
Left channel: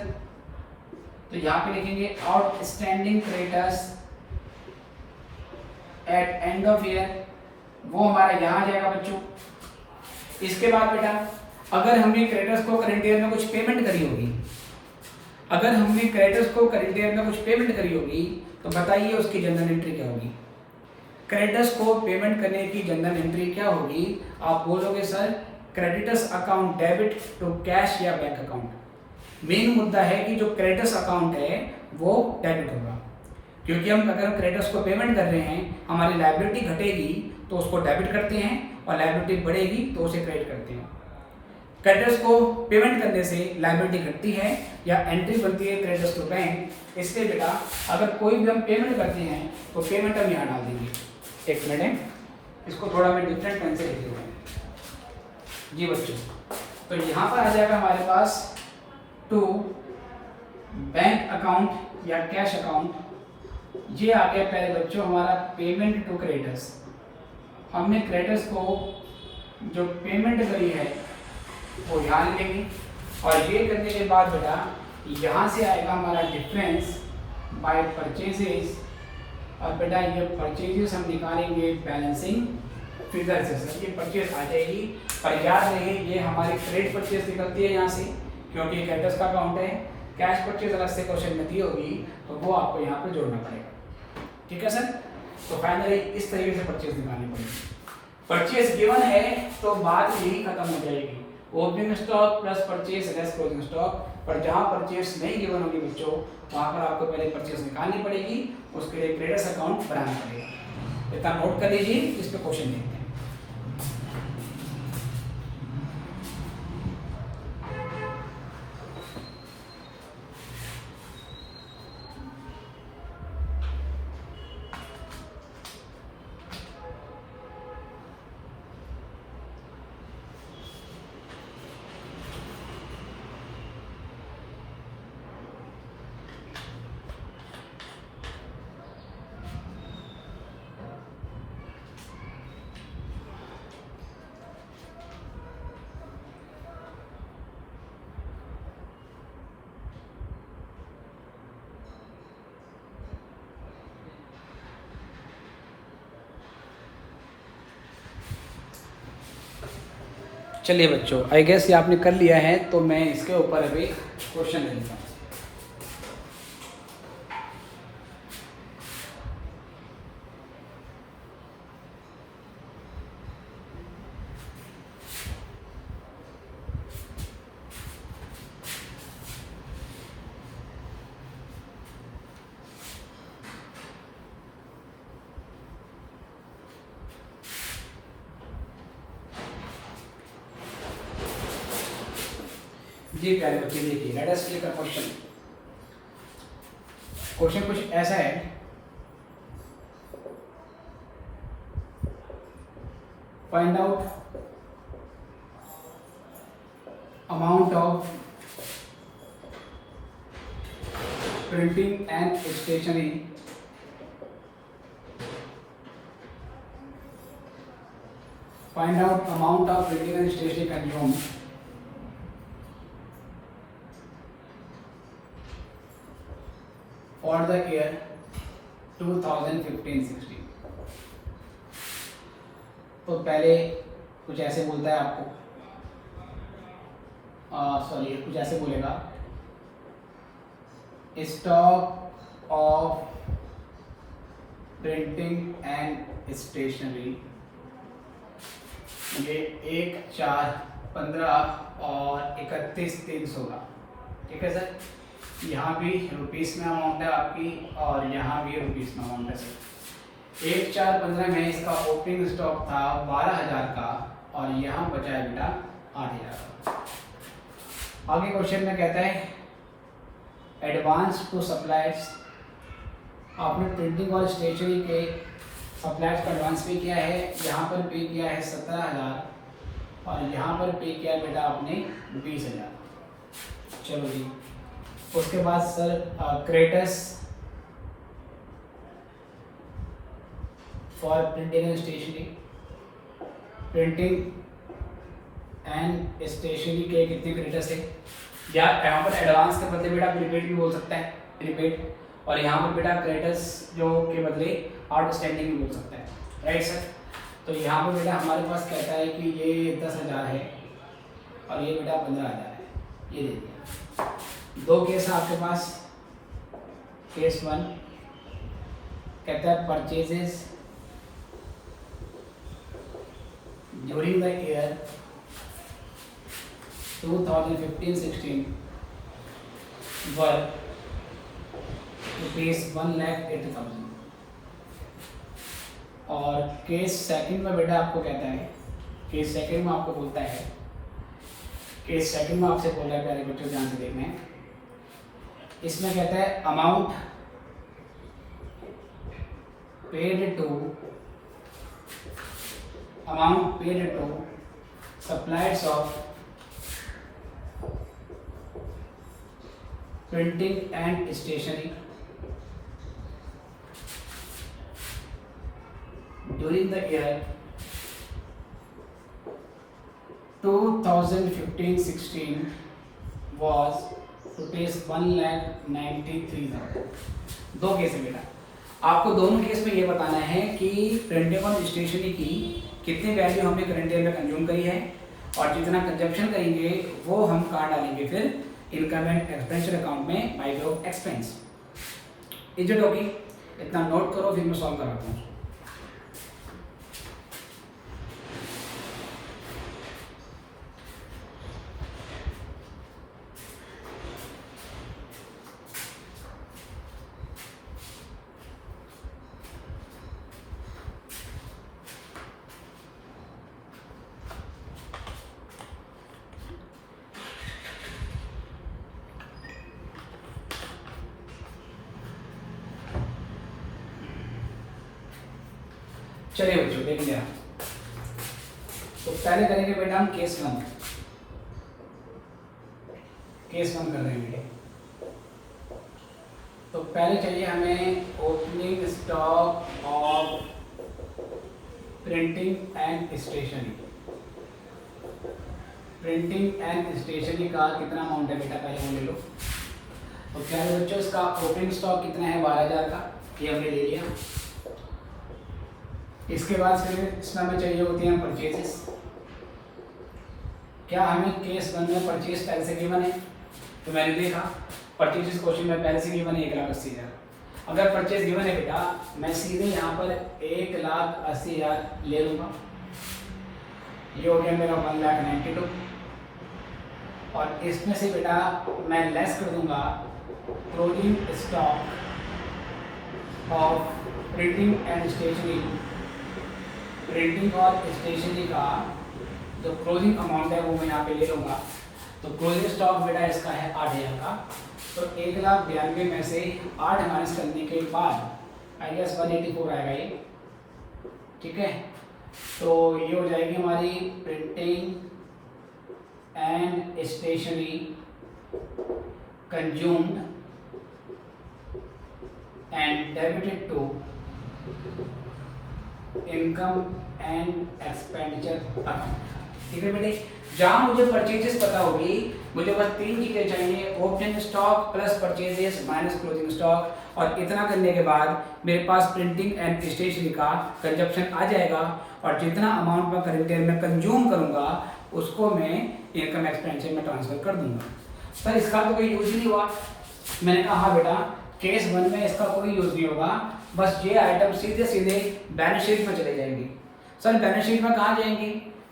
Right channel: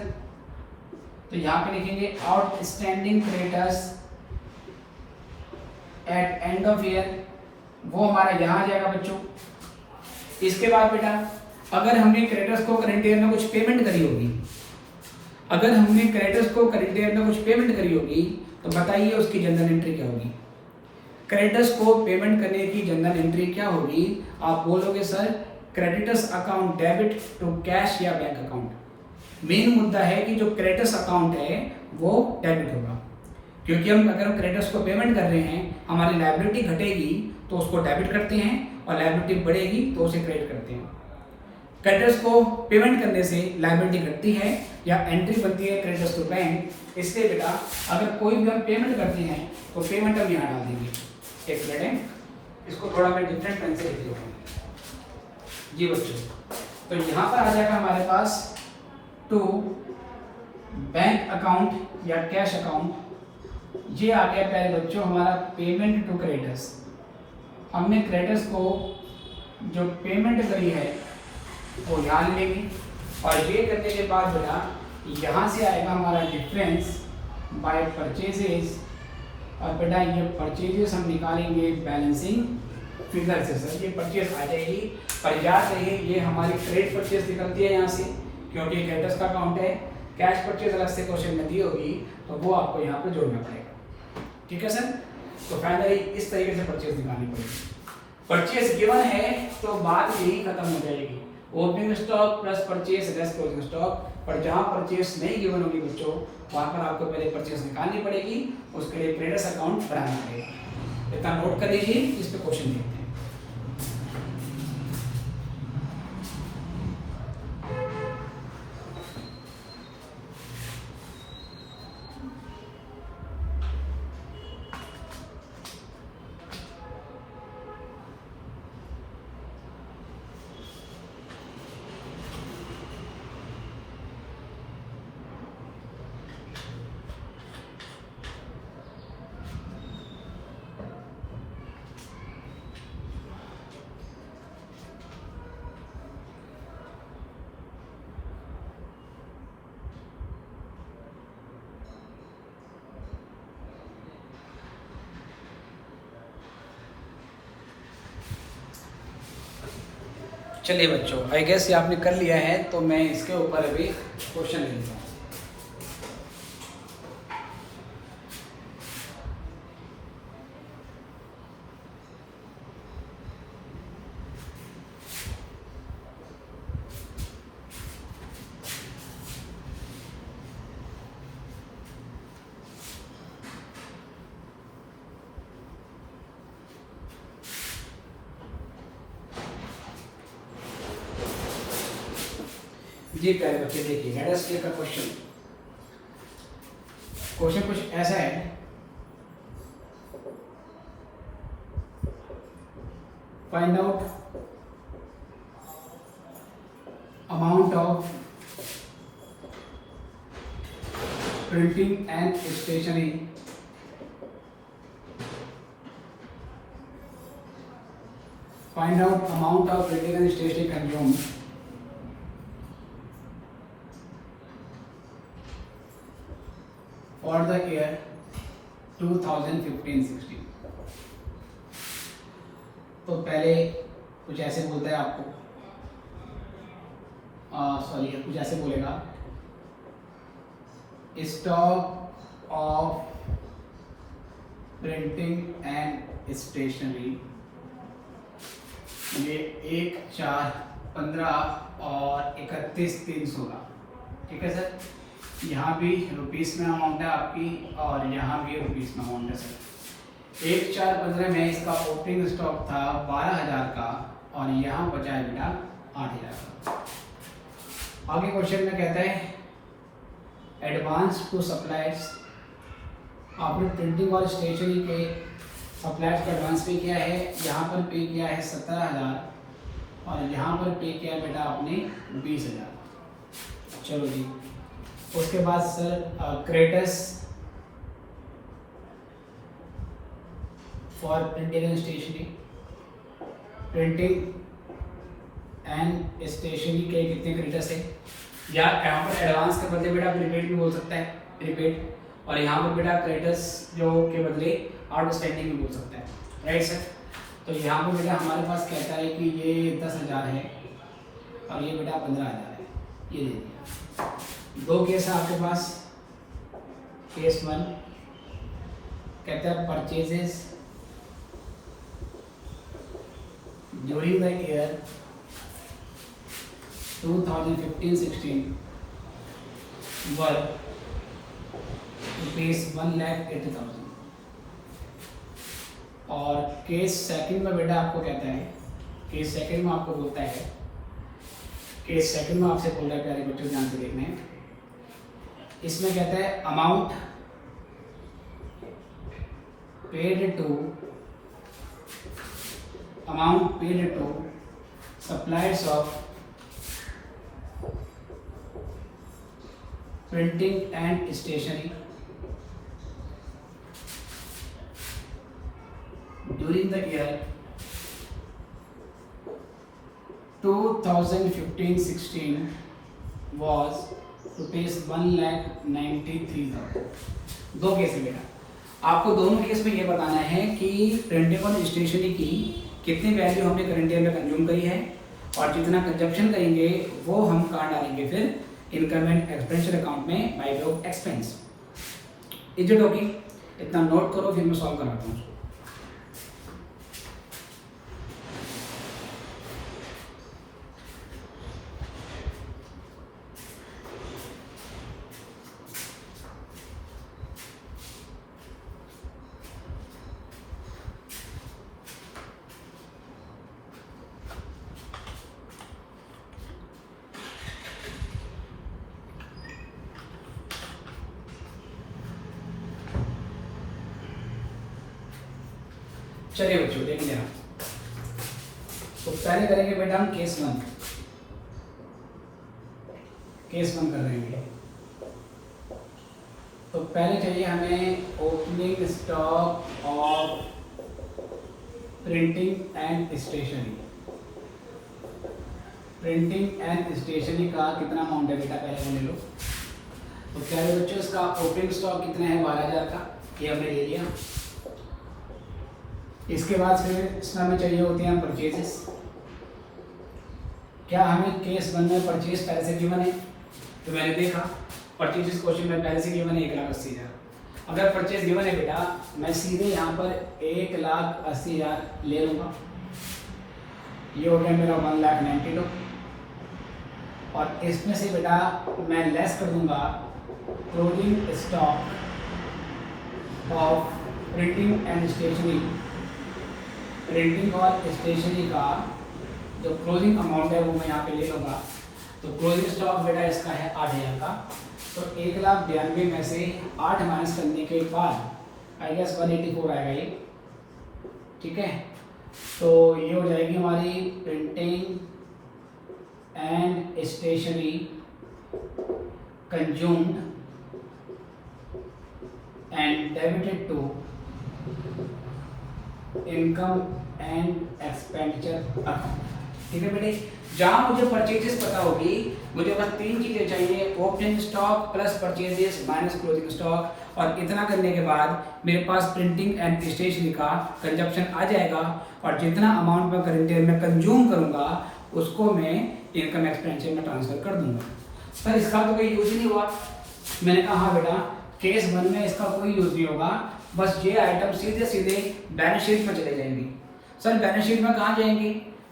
तो यहाँ पे लिखेंगे outstanding creditors at end of year, वो हमारा यहाँ आ जाएगा बच्चों। इसके बाद बेटा अगर हमने क्रेडिटर्स को करंट ईयर में कुछ पेमेंट करी होगी, अगर हमने क्रेडिटर्स को करंट ईयर में कुछ पेमेंट करी होगी तो बताइए उसकी जनरल एंट्री क्या होगी। क्रेडिटर्स को पेमेंट करने की जनरल एंट्री क्या होगी? आप बोलोगे sir creditors account debit to cash या बैंक अकाउंट। मेन मुद्दा है कि जो क्रेडिटर्स अकाउंट है वो डेबिट होगा, क्योंकि हम अगर क्रेडिटर्स को पेमेंट कर रहे हैं हमारी लायबिलिटी घटेगी तो उसको डेबिट करते हैं और लायबिलिटी बढ़ेगी तो उसे क्रेडिट करते हैं। क्रेडिटर्स को पेमेंट करने से लायबिलिटी घटती है या एंट्री बनती है क्रेडिटर्स टू बैंक, इसलिए बेटा अगर कोई भी हम पेमेंट करते हैं तो पेमेंट हम यहाँ डाल देंगे। एक मिनट, इसको थोड़ा मैं डिफरेंट ढंग से लिख देता हूँ जी बच्चों। तो यहाँ पर आ जाएगा हमारे पास टू बैंक अकाउंट या कैश अकाउंट। ये आ गया पहले बच्चों हमारा पेमेंट टू क्रेडिटर्स। हमने क्रेडिटर्स को जो पेमेंट करी है वो यहाँ लेंगे और ये करने के बाद बेटा यहाँ से आएगा हमारा डिफरेंस बाय परचेजेस, और बेटा ये परचेजेस हम निकालेंगे बैलेंसिंग फिगर से। सर ये परचेज आ जाएगी, पर याद रहे ये हमारी ट्रेड परचेज निकलती है यहाँ से, क्योंकि क्रेडिटर्स का अकाउंट है। कैश परचेज अलग से क्वेश्चन में दी होगी तो वो आपको यहाँ पर जोड़ना पड़ेगा। ठीक है सर? तो फाइनली इस तरीके से परचेज निकालनी पड़ेगी। परचेज गिवन है तो बात यही खत्म हो जाएगी, opening stock plus purchase less closing stock. पर जहां परचेज नहीं गिवन होगी बच्चों वहां पर आपको पहले परचेज निकालनी पड़ेगी, उसके लिए क्रेडिटर्स अकाउंट बनाना पड़ेगा। इतना नोट कर लीजिए, इस पे क्वेश्चन देखते हैं। चलिए बच्चों, आई गेस ये आपने कर लिया है, तो मैं इसके ऊपर अभी क्वेश्चन लेता हूँ। जी प्यारे बच्चे देखिए, let us take a question. Question कुछ ऐसा है, find out amount of printing and stationery find out amount of printing and stationery consume for the year 2015-16। तो पहले कुछ ऐसे बोलता है आपको, सॉरी कुछ ऐसे बोलेगा, stock of printing and stationery ये 1, 4, 15 और 31, 316। ठीक है सर। यहाँ भी रुपीस में अमाउंट है आपकी और यहाँ भी रुपीस में अमाउंट है सर। 1, 4, 15 में इसका ओपनिंग स्टॉक था 12,000 का और यहाँ बचा है बेटा 8,000। आगे क्वेश्चन में कहता है एडवांस टू सप्लायर्स। आपने प्रिंटिंग और स्टेशनरी के सप्लायर्स को एडवांस पे किया है, यहाँ पर पे किया है 17,000 और यहाँ पर पे किया है बेटा आपने 20,000। चलो जी, उसके बाद sir creditors for printing and stationery. Printing and stationery के कितने क्रेडिटर्स है, या यहाँ पर एडवांस के बदले बेटा प्रीपेड भी बोल सकता है, प्रीपेड, और यहाँ पर बेटा क्रेडिटर्स जो के बदले आउटस्टैंडिंग भी बोल सकता है, राइट सर। तो यहाँ पर बेटा हमारे पास कहता है कि ये 10,000 है और ये बेटा 15,000 है, ये दे दिया। दो केस है आपके पास। केस 1 कहता है purchases during the year 2015-16 worth ₹1,80,000। और केस सेकंड में बेटा आपको कहता है, केस सेकंड में आपको बोलता है, केस सेकंड में आपसे बोल रहा है, पहले बच्चों ध्यान से देखना है। इसमें कहता है amount paid to suppliers of printing and stationery during the year 2015-16 was ₹1,93,000। दो केस है बेटा, आपको दोनों केस में ये बताना है कि प्रिंटिंग और स्टेशनरी की कितनी वैल्यू हमने करंट ईयर में कंज्यूम करी है और जितना कंजप्शन करेंगे वो हम कहाँ डालेंगे फिर इनकम एंड एक्सपेंडिचर अकाउंट में by way of expense. Is okay? इतना नोट करो, फिर मैं सॉल्व कराता हूँ। चलिए बच्चों देखेंगे आप, तो पहले करेंगे बेटा हम केस 1 कर रहे हैं। तो पहले चाहिए हमें opening stock of printing and stationery. Printing and stationery का कितना अमाउंट है बेटा, पहले वो ले लो। तो क्या है बच्चों, इसका ओपनिंग स्टॉक कितना है 12,000 का, ये हमने ले लिया। इसके बाद फिर इसमें हमें चाहिए होती हैं परचेजेस। क्या हमें केस 1 में परचेज पहले से गिवन है, तो मैंने देखा परचेजेस क्वेश्चन में पहले से गिवन है 1,80,000। अगर परचेज गिवन है बेटा, मैं सीधे यहाँ पर 1,80,000 ले लूँगा। ये हो गया मेरा 1,92,000 और इसमें से बेटा मैं लेस कर दूंगा closing stock of printing and stationery. Printing और स्टेशनरी का जो क्लोजिंग अमाउंट है वो मैं यहाँ पे ले लूँगा। तो क्लोजिंग स्टॉक बेटा इसका है 8,000 का। तो 1,92,000 में से 8 माइनस करने के बाद आई गेस 184 आएगा ये, ठीक है। तो ये हो जाएगी हमारी printing and stationery consumed and debited to income and expenditure account, ठीक है बेटे। जहां मुझे परचेजेस पता होगी, मुझे बस 3 चीजें चाहिए, opening stock plus purchases minus closing stock, और इतना करने के बाद मेरे पास प्रिंटिंग एंड स्टेशनरी का कंजप्शन आ जाएगा और जितना अमाउंट मैं करंट ईयर में कंज्यूम करूंगा उसको मैं इनकम एक्सपेंडिचर में ट्रांसफर कर दूंगा। सर इसका तो कोई यूज नहीं हुआ। मैंने कहा हाँ बेटा, केस 1 में इसका कोई यूज नहीं होगा, बस ये आइटम सीधे सीधे बैलेंस शीट में चले जाएंगी। सर बैलेंस शीट में कहाँ जाएंगी,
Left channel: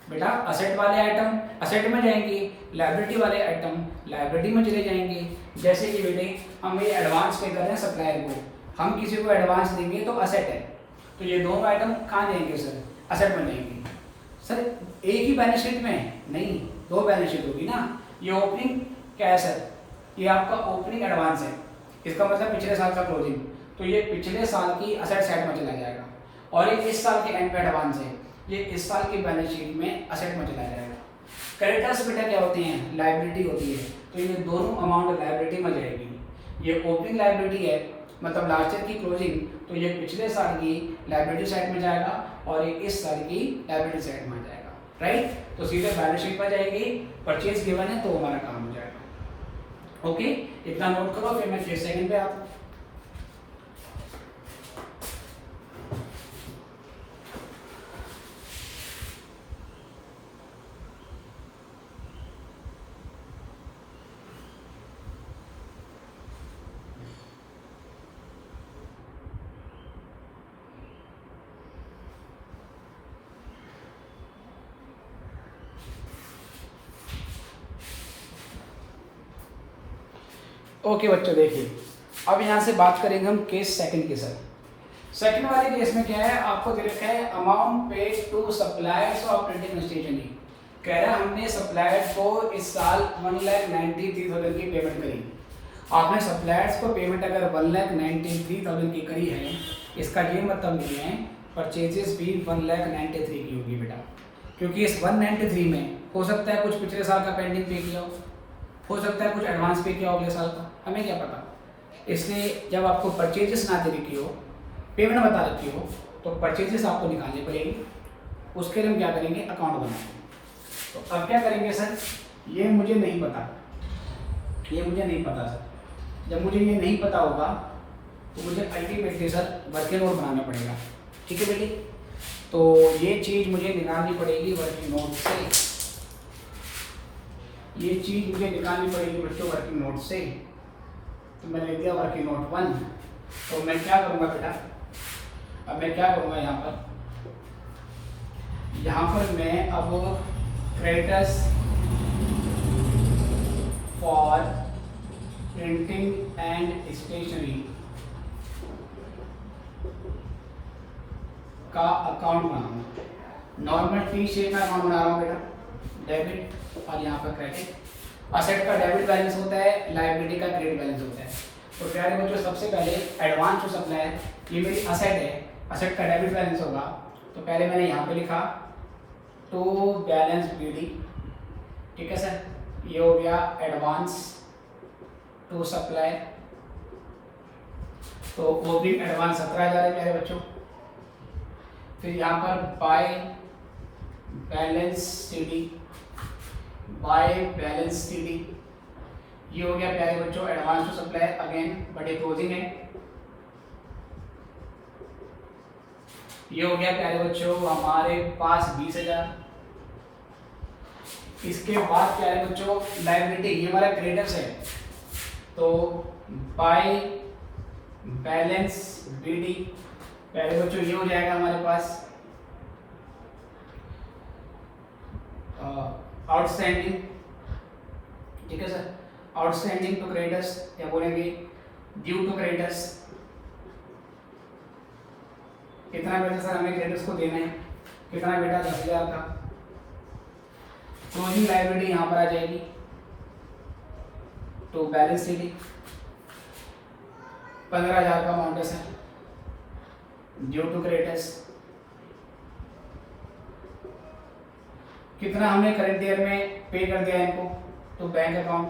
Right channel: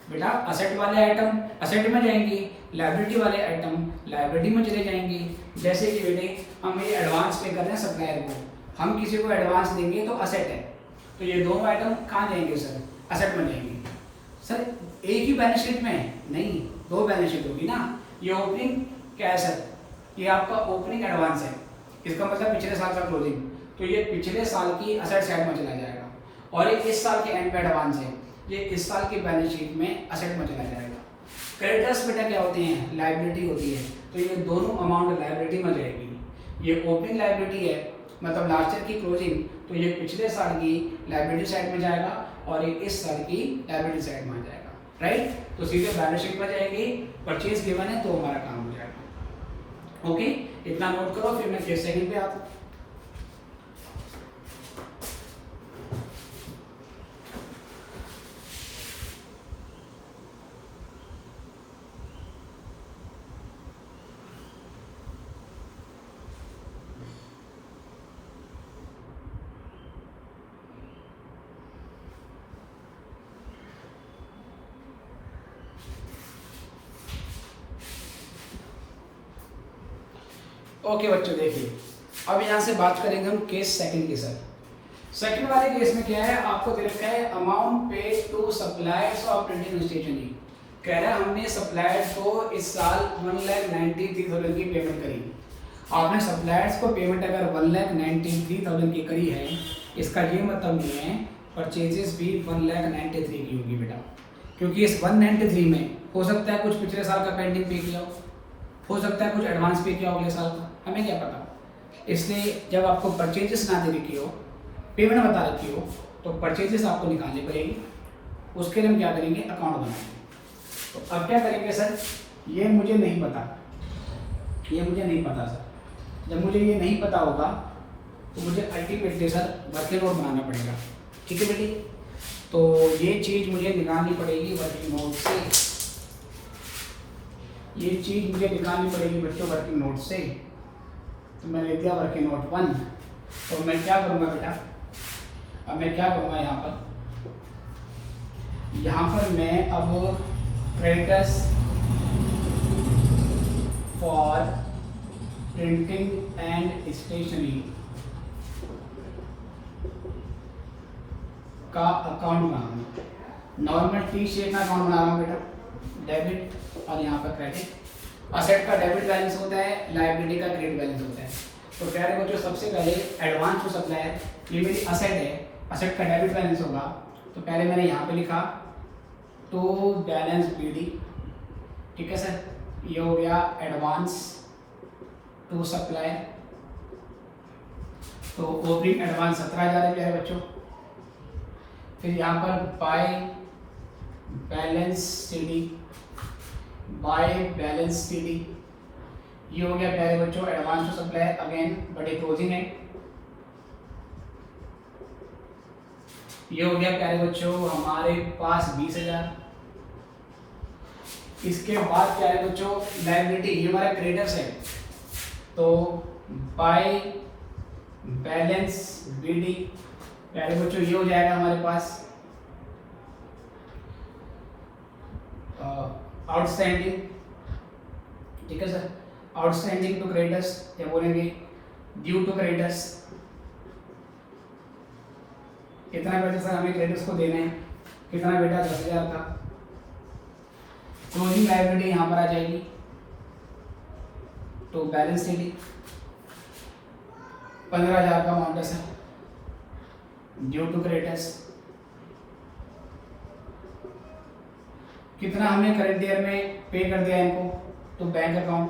बेटा असेट वाले आइटम असेट में जाएंगे, लायबिलिटी वाले आइटम लायबिलिटी में चले जाएंगे। जैसे कि बेटे हम ये एडवांस पे कर रहे हैं सप्लायर को, हम किसी को एडवांस देंगे तो असेट है, तो ये दोनों आइटम कहाँ जाएंगे सर? असेट में जाएंगे। सर एक ही बैलेंस शीट में नहीं, दो बैलेंस शीट होगी ना। ये ओपनिंग क्या है सर? ये आपका ओपनिंग एडवांस है, इसका मतलब पिछले साल का क्लोजिंग, तो ये पिछले साल की असेट साइड में चला जाएगा। और ये इस साल के एंड पे एडवांस है, ये इस साल की बैलेंस शीट में असेट में चला जाएगा। क्रेडिटर्स बेटा क्या होती हैं? लायबिलिटी होती है, तो ये दोनों अमाउंट लायबिलिटी में जाएगी। ये ओपनिंग लायबिलिटी है मतलब लास्ट ईयर की क्लोजिंग, तो ये पिछले साल की लायबिलिटी साइड में जाएगा और ये इस साल की लायबिलिटी साइड में जाएगा, राइट। तो सीधे बैलेंस शीट पर जाएगी, परचेज गिवन है तो हमारा काम हो जाएगा। ओके, इतना नोट करो, फिर मैं केस सेकंड पे आता हूं। ओके बच्चों देखिए, अब यहाँ से बात करेंगे हम केस सेकंड के साथ। सेकंड वाले केस में क्या है, आपको दे रखा है amount paid to suppliers of printing stationery. कह रहा है हमने सप्लायर्स को इस साल 1,93,000 की पेमेंट करी। आपने सप्लायर्स को पेमेंट अगर 1,93,000 की करी है, इसका ये मतलब नहीं है परचेजेस भी 1,93,000 की होगी बेटा, क्योंकि इस 193 में हो सकता है कुछ पिछले साल का पेंडिंग पे किया हो सकता है कुछ एडवांस पे किया हो अगले साल का, हमें क्या पता। इसलिए जब आपको परचेजेस ना दे रखी हो, पेमेंट बता रखी हो, तो परचेजेस आपको निकालनी पड़ेगी। उसके लिए हम क्या करेंगे, अकाउंट बनाएंगे। तो अब क्या करेंगे सर, ये मुझे नहीं पता, ये मुझे नहीं पता सर। जब मुझे ये नहीं पता होगा तो मुझे अल्टीमेटली सर वर्किंग नोट बनाना पड़ेगा, ठीक है बेटी। तो ये चीज़ मुझे निकालनी पड़ेगी वर्किंग नोट से, ये चीज़ मुझे निकालनी पड़ेगी बच्चों वर्किंग नोट से। तो मैं ले दिया वर्किंग नोट 1। तो मैं क्या करूँगा बेटा, अब मैं क्या करूँगा यहाँ पर मैं अब creditors for printing and stationery का अकाउंट बनाऊंगा। नॉर्मल टी शेप का अकाउंट बना रहा हूँ बेटा, डेबिट और यहाँ पर क्रेडिट। असेट का डेबिट बैलेंस होता है, लायबिलिटी का क्रेडिट बैलेंस होता है। तो कह रहे हैं बच्चों सबसे पहले एडवांस टू सप्लायर, ये मेरी असेट है, असेट का डेबिट बैलेंस होगा। तो पहले मैंने यहाँ पे लिखा टू बैलेंस बीडी, ठीक है सर। ये हो गया एडवांस टू सप्लाई, तो ओपनिंग एडवांस 17,000 है प्यारे बच्चों। फिर यहाँ पर by balance CD, by balance CD, ये हो गया प्यारे बच्चों एडवांस टू सप्लाई, अगेन बड़े क्लोजिंग है। ये हो गया प्यारे बच्चों हमारे पास 20,000। इसके बाद प्यारे बच्चों लायबिलिटी, ये हमारा क्रेडिटर्स है, तो बाय बैलेंस बीडी प्यारे बच्चों ये हो जाएगा हमारे पास आउटस्टैंडिंग, ठीक है सर। आउटस्टैंडिंग टू क्रेडिटर्स या बोलेंगे ड्यू टू क्रेडिटर्स। कितना पैसा सर हमें क्रेडिटर्स को देना है, कितना बेटा 10,000 का। क्लोजिंग लायबिलिटी यहाँ पर आ जाएगी तो बैलेंस सीडी 15,000 का अमाउंट है सर ड्यू टू क्रेडिटर्स। कितना हमने करंट ईयर में पे कर दिया इनको, तो बैंक अकाउंट,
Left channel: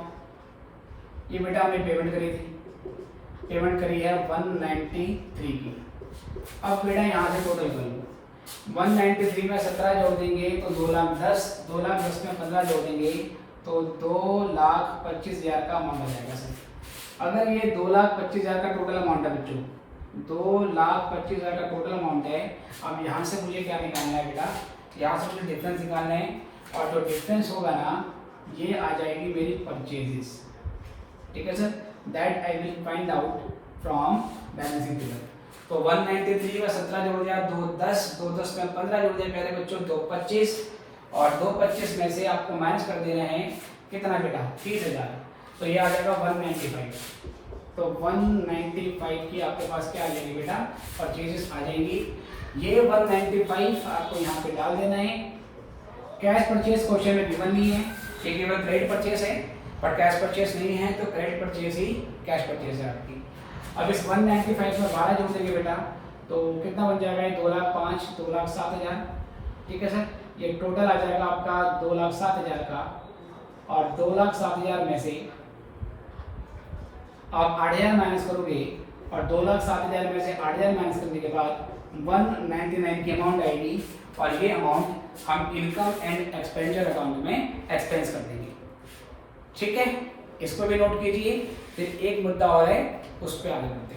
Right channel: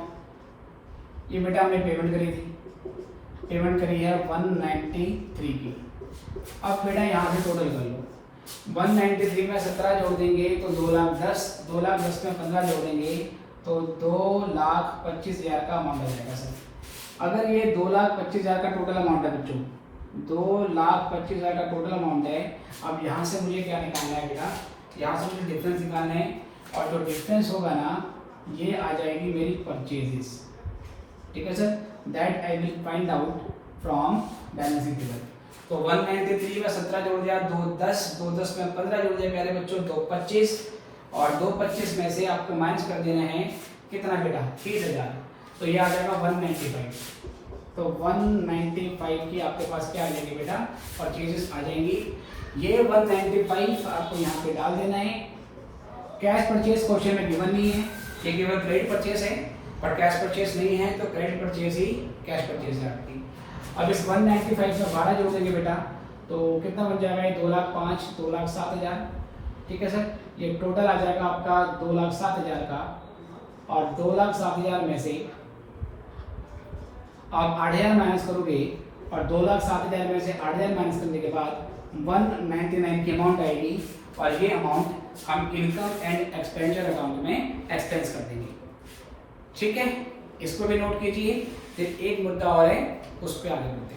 ये बेटा हमने पेमेंट करी थी, पेमेंट करी है 193 की। अब बेटा यहाँ से टोटल कर लो, 193 में 17 जोड़ देंगे तो 2,10,000, 2,10,000 में 15 जोड़ेंगे तो 2,25,000 का अमाउंट आ जाएगा सर। अगर ये 2,25,000 का टोटल अमाउंट है बच्चों, 2,25,000 का टोटल अमाउंट है। अब यहाँ से मुझे क्या निकालना है बेटा, यहाँ से मुझे डिफरेंस निकालना है, और जो डिफरेंस होगा ना ये आ जाएगी मेरी परचेजेस, ठीक है sir. That I will find out from balance sheet table. तो 193 में 17 जोड़ दिया, 2,10,000 में 15 जोड़ दिया प्यारे बच्चों, 2,25,000 और 225 में से आपको माइनस कर देना है कितना बेटा 30,000, तो ये आ जाएगा 195। तो 195 की आपके पास क्या आ जाएगी बेटा परचेजेस आ जाएंगी। ये 195 आपको यहाँ पे डाल देना है। कैश परचेज क्वेश्चन में गिवन नहीं है, ये केवल क्रेडिट परचेज है, पर कैश परचेज नहीं है, तो क्रेडिट परचेज ही कैश परचेज है आपकी। अब इस 195 में 12 जोड़ देंगे बेटा, तो कितना बन जाएगा, 2,05,000 2,07,000, ठीक है सर। ये टोटल आ जाएगा आपका 2,07,000 का, और 2,07,000 में से आप 8,000 माइनस करोगे, और 2,07,000 में से 8,000 माइनस करने के बाद 199 की अमाउंट आएगी, और ये अमाउंट हम इनकम एंड एक्सपेंडिचर अकाउंट में एक्सपेंस कर देंगे, ठीक है। इसको भी नोट कीजिए। फिर एक मुद्दा और है, उस पर आगे बढ़ते हैं।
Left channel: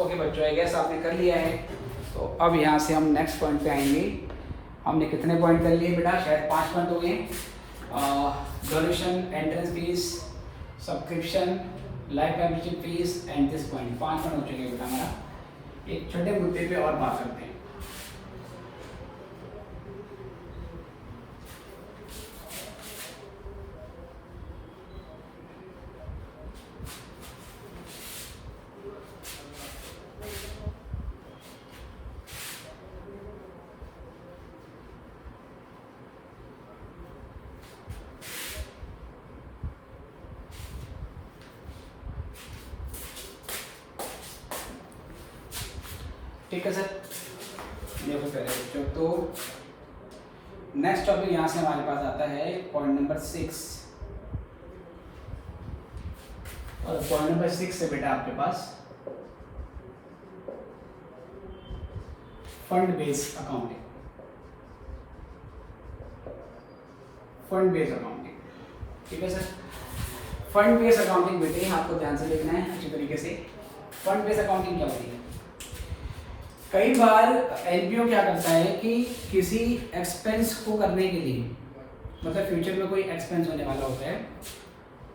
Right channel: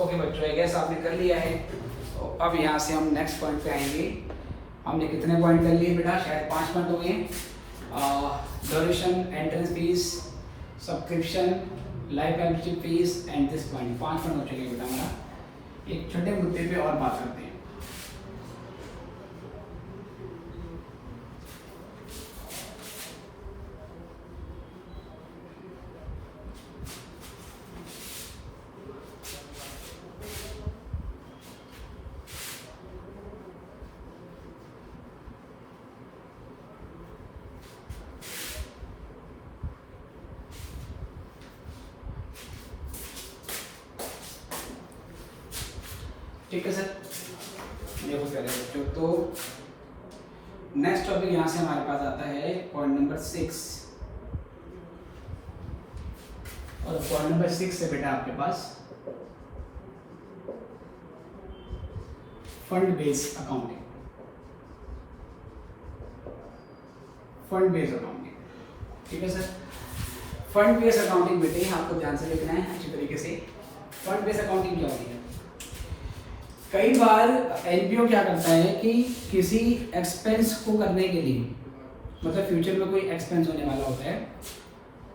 ओके बच्चों, आई गेस आपने कर लिया है। तो अब यहाँ से हम नेक्स्ट पॉइंट पे आएंगे। हमने कितने पॉइंट कर लिए बेटा, शायद 5 पॉइंट हो गए। Donation, entrance fees, subscription, life membership fees and this point, 5 point हो चुके बेटा हमारा। एक छोटे मुद्दे पे और बात करते हैं। ठीक है सर, देखो पहले बच्चों, तो नेक्स्ट टॉपिक यहाँ से हमारे पास आता है पॉइंट नंबर 6। और पॉइंट नंबर 6 है बेटा आपके पास fund based accounting. Fund based accounting, ठीक है सर। फंड बेस्ड अकाउंटिंग बेटे आपको ध्यान से देखना है अच्छी तरीके से। फंड बेस्ड अकाउंटिंग क्या होती है? कई बार एनपीओ क्या करता है कि किसी एक्सपेंस को करने के लिए, मतलब फ्यूचर में कोई एक्सपेंस होने वाला होता है,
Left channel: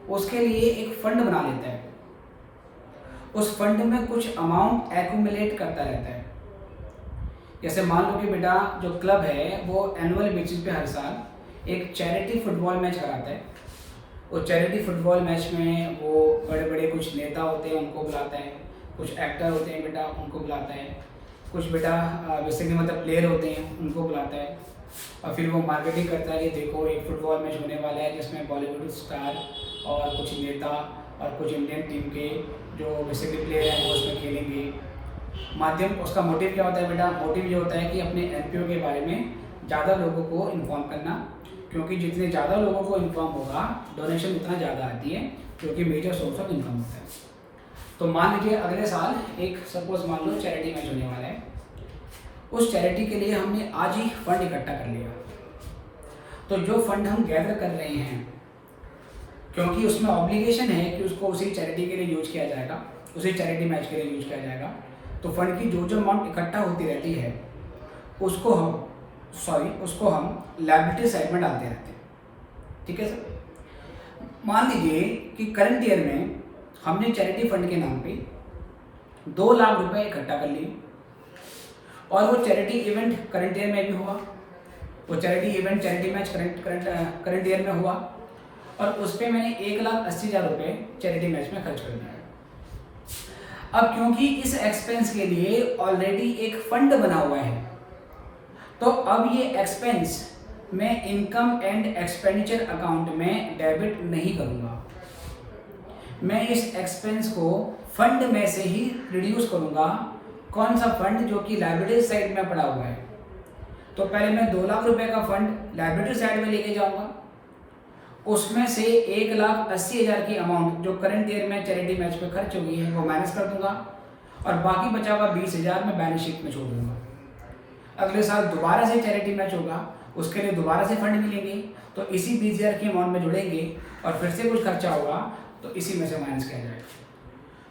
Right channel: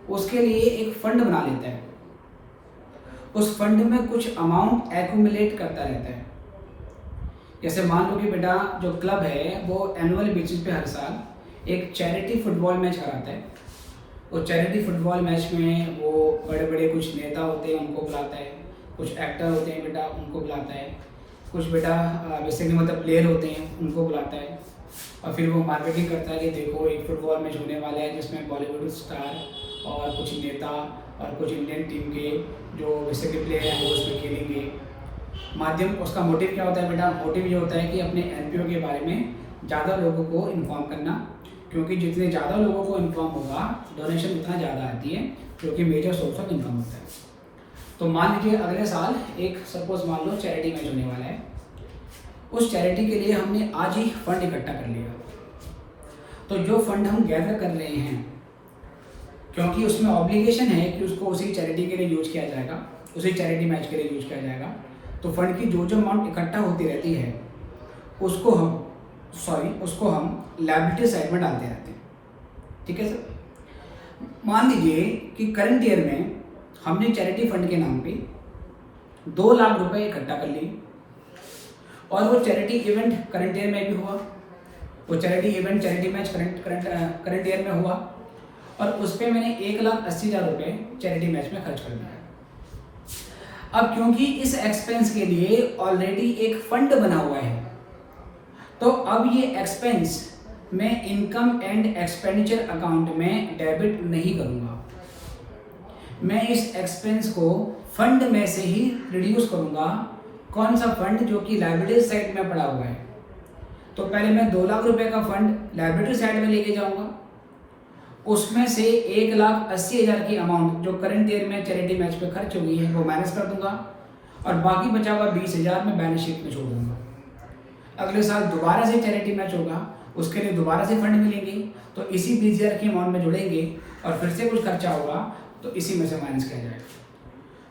उसके लिए एक फंड बना लेता है। उस फंड में कुछ अमाउंट एक्यूमुलेट करता रहता है। जैसे मान लो कि बेटा जो क्लब है वो एनुअल बेसिस पे हर साल एक चैरिटी फुटबॉल मैच कराता है। वो चैरिटी फुटबॉल मैच में वो बड़े बड़े कुछ नेता होते हैं उनको बुलाता है, कुछ एक्टर होते हैं बेटा उनको बुलाता है, कुछ बेटा बेसिकली मतलब प्लेयर होते हैं उनको बुलाता है, और फिर वो मार्केटिंग करता है कि देखो एक फुटबॉल मैच होने वाला है जिसमें बॉलीवुड स्टार और कुछ नेता और कुछ इंडियन टीम के जो बेसिकली प्लेयर हैं वो उसमें खेलेंगे। माध्यम उसका मोटिव क्या होता है बेटा? मोटिव ये होता है कि अपने एनपीओ के बारे में ज़्यादा लोगों को इन्फॉर्म करना, क्योंकि जितने ज़्यादा लोगों को इन्फॉर्म होगा डोनेशन उतना ज़्यादा आती है, क्योंकि मेजर सोर्स ऑफ इनकम होता है। तो मान लीजिए अगले साल एक सपोज मान लो चैरिटी मैच होने वाला है, उस चैरिटी के लिए हमने आज ही फंड इकट्ठा कर लिया। तो जो फंड हम गैदर कर रहे हैं, क्योंकि उसमें ऑब्लिगेशन है कि उसको उसी चैरिटी के लिए यूज किया जाएगा, उसी चैरिटी मैच के लिए यूज किया जाएगा, तो फंड की जो जो अमाउंट इकट्ठा होती रहती है उसको हम लायबिलिटी साइड में डालते रहते हैं। ठीक है सर। मान लीजिए कि करंट ईयर में हमने चैरिटी फंड के नाम पे 2 लाख रुपए इकट्ठा कर लिए, और वो चैरिटी इवेंट करंट ईयर में भी हुआ, वो charity event charity match current year में हुआ, और उस पर मैंने 1,80,000 रुपये चैरिटी मैच में खर्च कर दिया। अब क्योंकि इस एक्सपेंस के लिए ऑलरेडी एक फंड बना हुआ है, तो अब ये एक्सपेंस मैं इनकम एंड एक्सपेंडिचर अकाउंट में डेबिट नहीं करूंगा। मैं इस एक्सपेंस को फंड में से ही रिड्यूस करूंगा कौन सा फंड जो कि लायबिलिटी साइड में पड़ा हुआ है। तो पहले मैं 2 लाख रुपए का फंड लायबिलिटी साइड में लेके जाऊंगा, उसमें से 1,80,000 की अमाउंट जो करंट ईयर में चैरिटी मैच पे खर्च होगी है वो माइनस कर दूंगा, और बाकी बचा हुआ 20,000 मैं बैलेंस शीट में छोड़ दूंगा। अगले साल दोबारा से चैरिटी मैच होगा, उसके लिए दोबारा से फंड मिलेंगे, तो इसी 20,000 की अमाउंट में जोड़ेंगे और फिर से कुछ खर्चा होगा तो इसी में से माइनस किया जाएगा।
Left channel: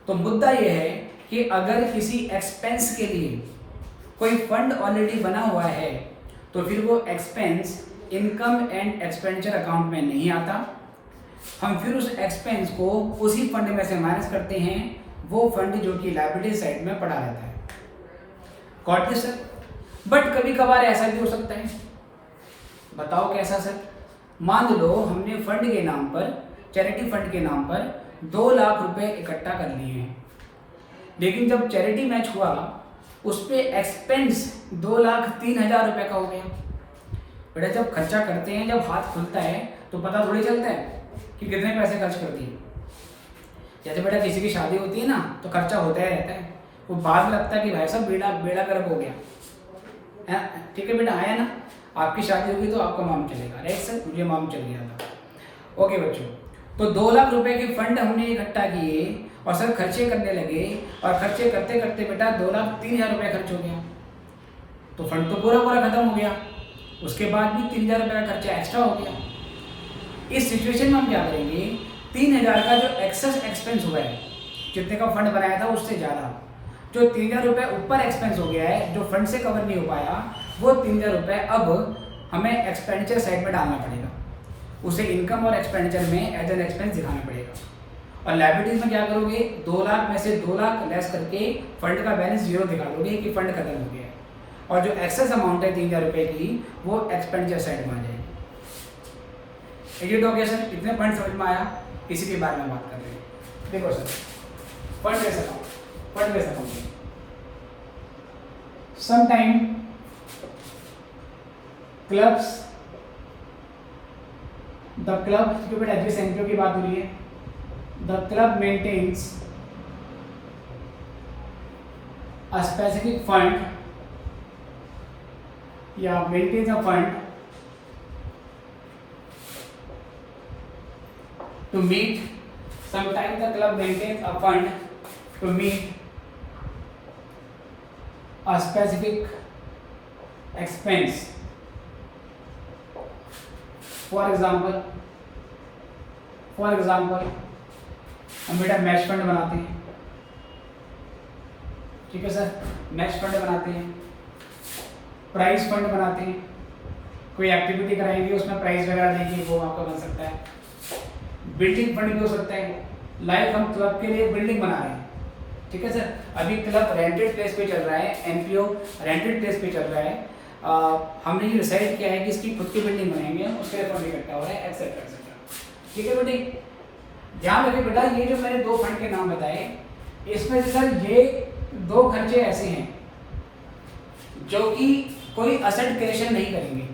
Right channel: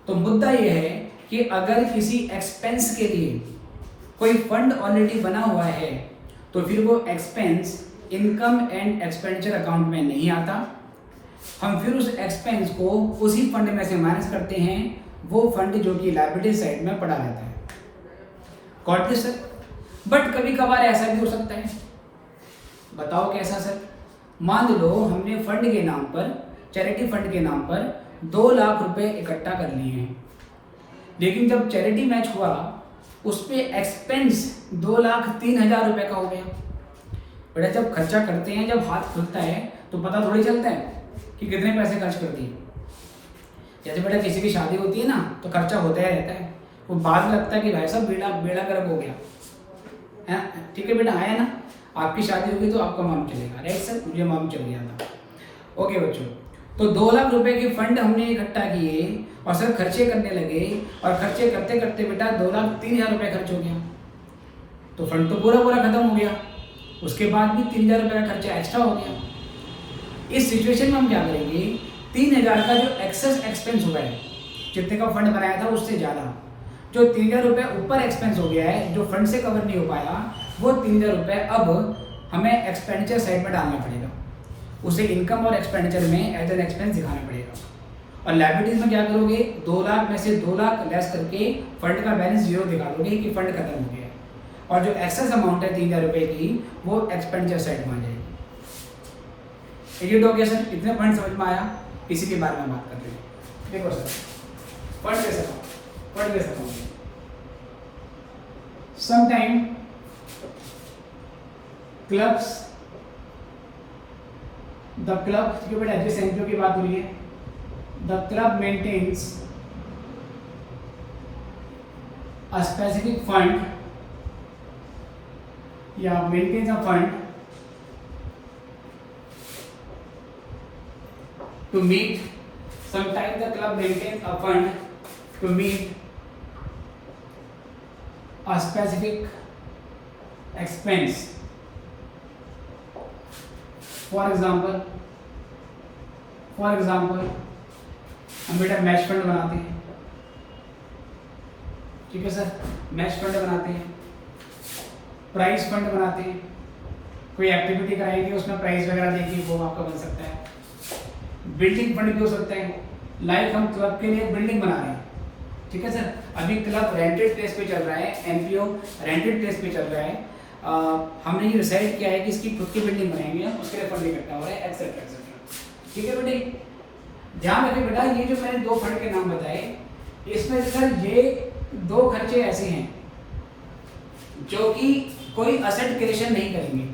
तो मुद्दा यह है कि अगर किसी एक्सपेंस के लिए कोई फंड ऑलरेडी बना हुआ है तो फिर वो expense income and expenditure account में नहीं आता, हम फिर उस एक्सपेंस को उसी फंड में से माइनस करते हैं, वो फंड जो कि लायबिलिटी साइड में पड़ा रहता है। Got this sir? बट कभी कभार ऐसा भी हो सकता है, बताओ कैसा सर? मान लो हमने फंड के नाम पर, चैरिटी फंड के नाम पर 2 लाख रुपए इकट्ठा कर लिए हैं, लेकिन जब चैरिटी मैच हुआ उस पे एक्सपेंस 2,03,000 रुपए का हो गया। बेटा जब खर्चा करते हैं, जब हाथ खुलता है तो पता थोड़ी चलता है कि कितने पैसे खर्च कर दिए। जैसे बेटा किसी की शादी होती है ना तो खर्चा होता ही रहता है, वो बाद में लगता है कि भाई साहब बेड़ा गर्क हो गया है। ठीक है बेटा, आया ना, आपकी शादी होगी तो आपका मालूम चलेगा, राइट सर? मुझे मालूम चल गया था। ओके बच्चों, तो 2 लाख रुपए के फंड हमने इकट्ठा किए और सर खर्चे करने लगे, और खर्चे करते करते बेटा 2,03,000 रुपये खर्च हो गया, तो फंड तो पूरा खत्म हो गया, उसके बाद भी 3,000 रुपये का खर्चा एक्स्ट्रा हो गया। इस सिचुएशन में हम क्या करेंगे, 3,000 का जो एक्सेस एक्सपेंस हुआ है, जितने का फंड बनाया था उससे ज़्यादा, जो 3,000 रुपये ऊपर एक्सपेंस हो गया है, जो फंड से कवर नहीं हो पाया, वो 3,000 रुपये अब हमें एक्सपेंडिचर साइड में डालना पड़ेगा, उसे इनकम और एक्सपेंडिचर में एज एन एक्सपेंस दिखाना पड़ेगा। और लायबिलिटीज में क्या करोगे, 2 लाख में से 2 लाख लेस करके फंड का बैलेंस 0 दिखा दोगे कि फंड खत्म हो गया है, और जो एक्सेस अमाउंट है 3,000 रुपये की वो एक्सपेंडिचर साइड में आ जाएगी। एडिट हो गया सर? इतने पॉइंट समझ में आया? इसी के बारे में बात कर रहे हैं। देखो सर, फंड कैसे account sometime clubs, the club, जो बेटा जिस एनपीओ की बात हो रही है, the club maintains a specific fund या maintains a fund to meet, sometimes the club maintains a fund to meet a specific expense. For example, हम बेटा मैच फंड बनाते हैं, ठीक है सर? मैच फंड बनाते हैं, प्राइज फंड बनाते हैं, कोई एक्टिविटी कराएगी उसमें प्राइज वगैरह देगी, वो आपका बन सकता है। बिल्डिंग फंड भी हो सकता है, लाइक हम क्लब के लिए बिल्डिंग बना रहे हैं, ठीक है सर? अभी क्लब रेंटेड प्लेस पे चल रहा है, एनपीओ रेंटेड प्लेस पे चल रहा है, हमने ये डिसाइड किया है कि इसकी खुद की बिल्डिंग बनाएंगे, उसके लिए फंड इकट्ठा हुआ है, एक्सेट्रा एक्सेट्रा। ठीक है बेटे, ध्यान रखिए बेटा, ये जो मैंने 2 फंड के नाम बताए, इसमें सर ये 2 खर्चे ऐसे हैं जो कि कोई असेट क्रिएशन नहीं करेंगे।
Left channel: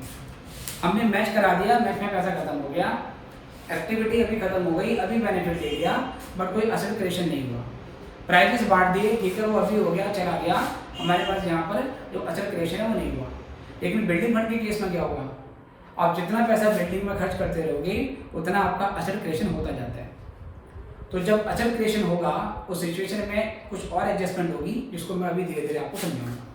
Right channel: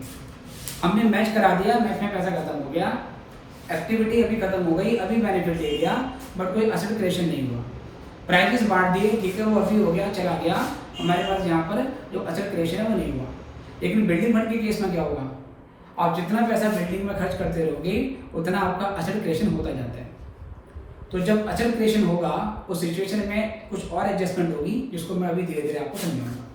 हमने मैच करा दिया, मैच में पैसा खत्म हो गया, एक्टिविटी अभी खत्म हो गई, अभी बेनिफिट ले लिया, बट कोई असेट क्रिएशन नहीं हुआ। प्राइजेस बांट दिए, ठीक है, वो अभी हो गया, चला गया, हमारे पास यहाँ पर जो असेट क्रिएशन है वो नहीं हुआ। लेकिन बिल्डिंग फंड के केस में क्या होगा, आप जितना पैसा बिल्डिंग में खर्च करते रहोगे उतना आपका असेट क्रिएशन होता जाता है। तो जब असेट क्रिएशन होगा उस सिचुएशन में कुछ और एडजस्टमेंट होगी, जिसको मैं अभी धीरे धीरे आपको समझाऊंगा।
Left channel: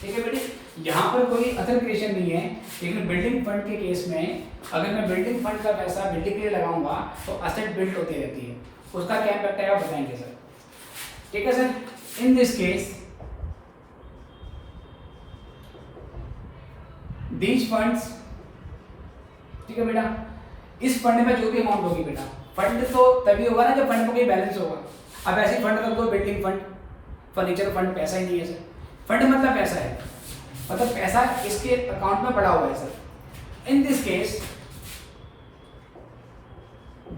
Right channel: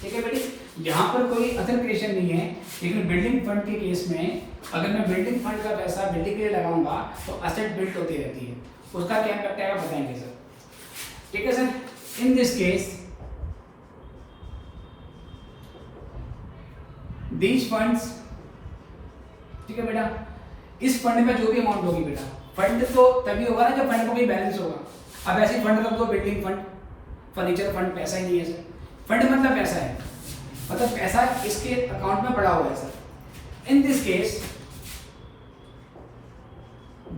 ठीक है बेटे, यहाँ पर कोई असेट क्रिएशन नहीं है, लेकिन बिल्डिंग फंड के केस में अगर मैं बिल्डिंग फंड का पैसा बिल्डिंग के लिए लगाऊंगा तो असेट बिल्ड होती रहती है, उसका क्या इम्पैक्ट है आप बताएंगे सर? ठीक है sir, in this case these funds, ठीक है बेटा, इस फंड में जो भी अमाउंट होगी बेटा, फंड तो तभी होगा ना जब फंड में कोई बैलेंस होगा। अब ऐसे फंड रख दो, बिल्डिंग फंड, फर्नीचर फंड, पैसा ही नहीं है सर। फंड मतलब पैसा है, मतलब पैसा इसके अकाउंट में पड़ा हुआ है sir. In this case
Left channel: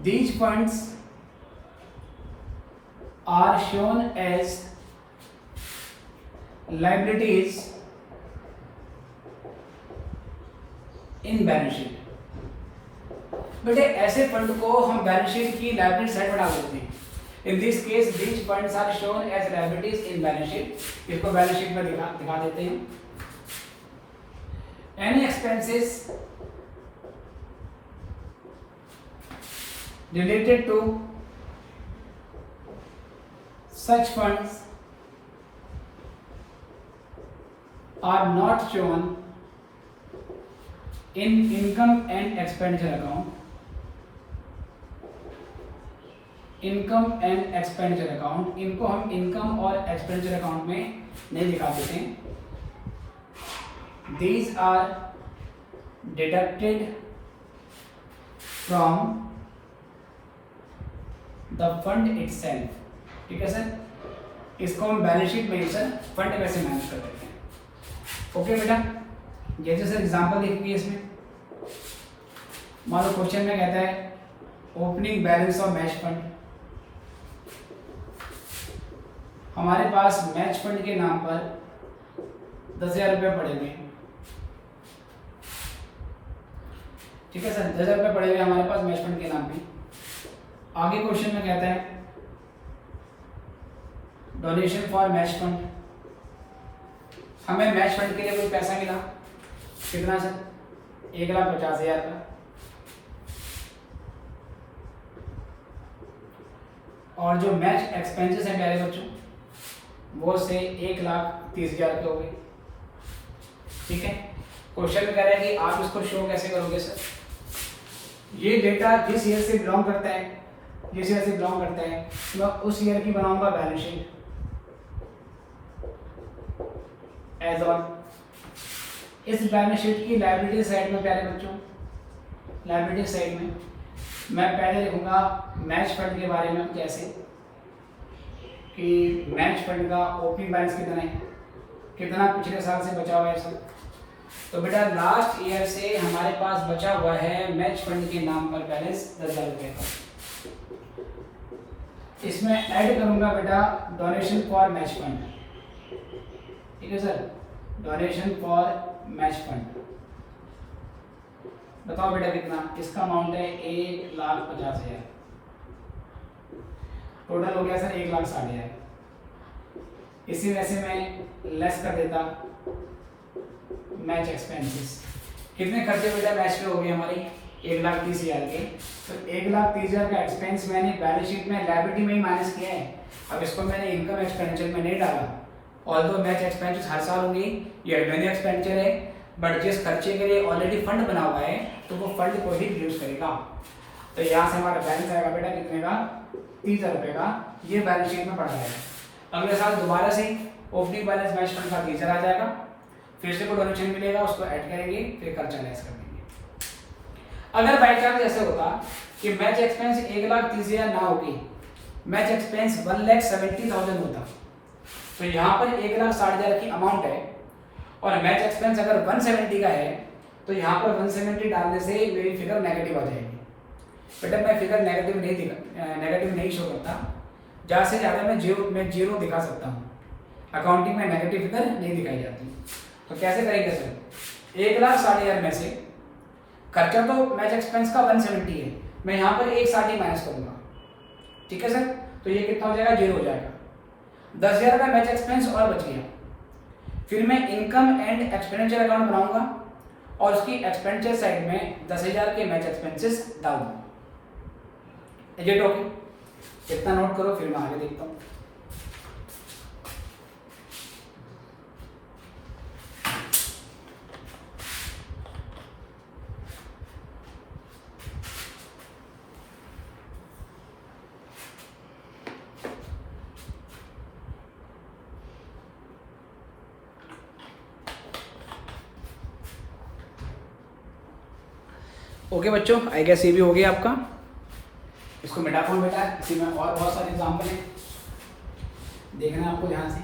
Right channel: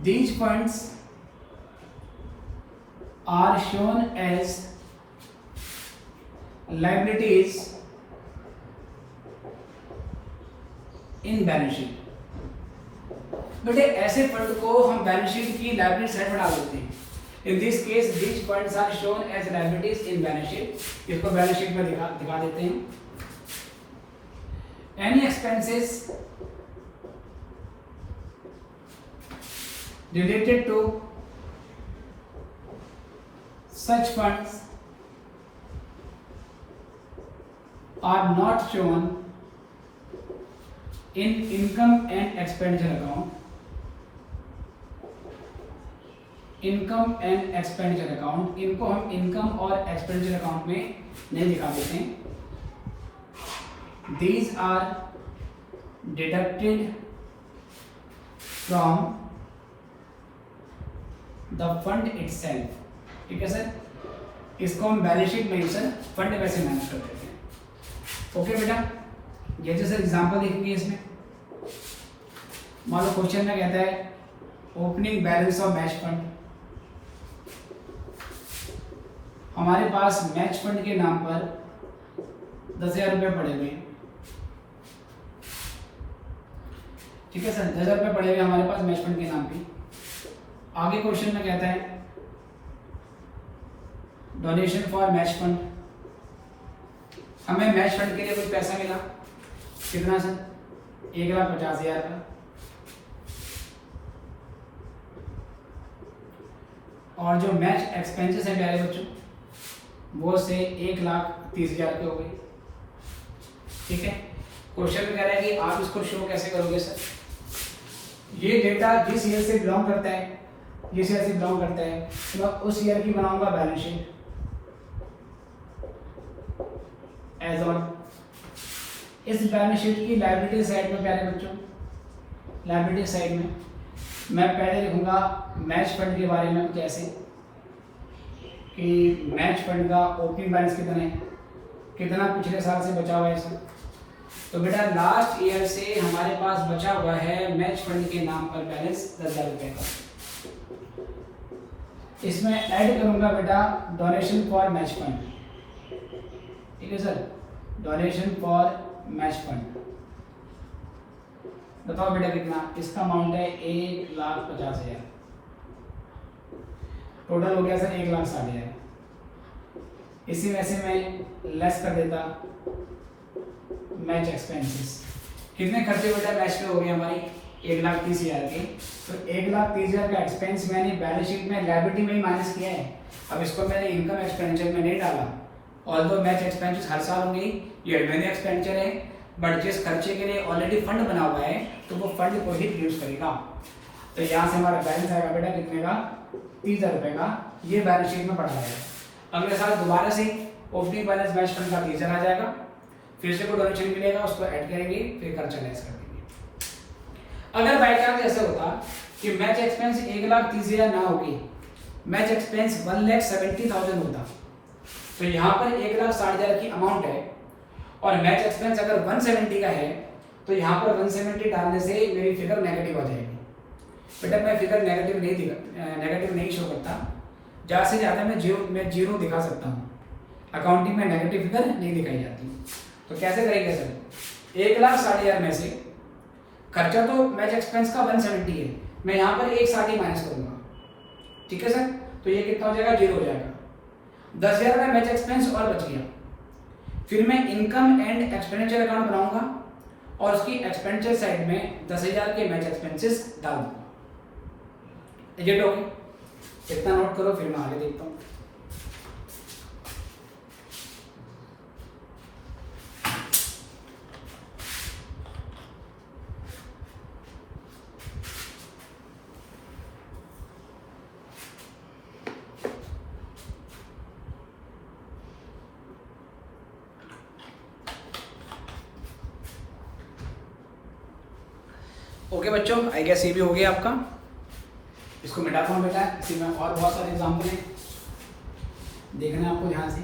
these funds are shown as liabilities in balance sheet. बेटे ऐसे फंड को हम बैलेंस शीट की लायबिलिटी साइड में डाल देते हैं। In this case which funds are shown as liabilities in balance sheet? इसको बैलेंस शीट में दिखा देते हैं. Any expenses related to such funds are not shown in income and expenditure account. Income and expenditure account, इनको हम income और expenditure account में नहीं दिखा देते हैं. These are deducted from the fund itself. ठीक है सर, इसको हम बैलेंस शीट में ही सर फंड वैसे मैनेज कर देते हैं. ओके बेटा, जैसे सर एग्जांपल देखेंगे इसमें. मान लो क्वेश्चन में कहता है opening balance of match fund. हमारे पास मैच फंड के नाम पर 10,000 रुपये पड़े हुए. ठीक है सर, 10,000 रुपये पड़े हुए हमारे पास मैच फंड के नाम पे. आगे क्वेश्चन में कहता है डोनेशन फॉर मैच फंड. हमें मैच फंड के लिए कुछ पैसा मिला. कितना सर? 1,50,000 का. और जो मैच एक्सपेंसेस है प्यारे बच्चों वो से 1,30,000 के हो गए. ठीक है, क्वेश्चन में कह रहा है कि आप इसको शो कैसे करोगे सर? ये डेटा जिस ईयर से बिलोंग करता है, जिस ईयर से बिलोंग करता है तो मैं उस ईयर की बनाऊंगा बैलेंस शीट एज ऑन. इस बैलेंस शीट की लायबिलिटी साइड में प्यारे बच्चों, लायबिलिटी साइड में मैं पहले लिखूंगा मैच फंड के बारे में. कैसे कि मैच फंड का ओपनिंग बैलेंस कितना है, कितना पिछले साल से बचा हुआ है सर. तो बेटा लास्ट ईयर से हमारे पास बचा हुआ है मैच फंड के नाम पर बैलेंस 10,000 रुपये का. इसमें ऐड करूंगा बेटा डोनेशन फॉर मैच फंड. ठीक है sir, donation for match fund. बताओ बेटा कितना? इसका अमाउंट है 1,50,000. टोटल हो गया सर 1,60,000. इसी में से मैं लेस कर देता मैच एक्सपेंसेस. कितने खर्चे बेटा मैच में हो गए हमारी? 1,30,000 के. तो 1,30,000 का एक्सपेंस मैंने बैलेंस शीट में लायबिलिटी में ही माइनस किया है. अब इसको मैंने इनकम एक्सपेंडिचर में नहीं डाला. ऑल्दो मैच एक्सपेंसेस हर साल होंगी, ये एडमिन एक्सपेंडिचर है, बट जिस खर्चे के लिए ऑलरेडी फंड बना हुआ है तो वो फंड को ही यूज करेगा. तो यहाँ से हमारा बैलेंस आएगा बेटा कितने का? 30,000 रुपये का. ये बैलेंस शीट में पड़ जाएगा. अगले साल दोबारा से ओपनिंग बैलेंस मैच फंड का 30,000 आ जाएगा. फिर से कोई डोनेशन मिलेगा, उसको ऐड करेंगे, फिर खर्चा लेस कर देंगे. अगर बाई चांस ऐसा होता कि मैच एक्सपेंस 1,30,000 ना होगी, मैच एक्सपेंस 1,70,000 होता, तो यहाँ पर 1,60,000 की अमाउंट है और मैच एक्सपेंस अगर 170 का है तो यहाँ पर 170 डालने से मेरी फिगर नेगेटिव आ जाएगी. बेटा मैं फिगर नेगेटिव नहीं शो करता. ज़्यादा से ज़्यादा मैं जीरो दिखा सकता हूँ. अकाउंटिंग में नेगेटिव फिगर नहीं दिखाई जाती. तो कैसे करेंगे सर? 1,60,000 में से खर्चा तो मैच एक्सपेंस का 170 है, मैं यहाँ पर 160 माइनस करूँगा. ठीक है सर, तो ये कितना हो जाएगा? 0 हो जाएगा. 10,000 का मैच एक्सपेंस और बच गया. फिर मैं इनकम एंड एक्सपेंडिचर अकाउंट बनाऊंगा और उसकी एक्सपेंडिचर साइड में 10,000 के मैच एक्सपेंसेस डाल दूंगा. ये ओके, इतना नोट करो, फिर मैं आगे देखता हूँ. ओके बच्चों, आई गेस ये भी हो गया आपका. इसको मिटा फोन बेटा. इसी में और बहुत सारे एग्जाम्पल हैं, देखना आपको ध्यान से.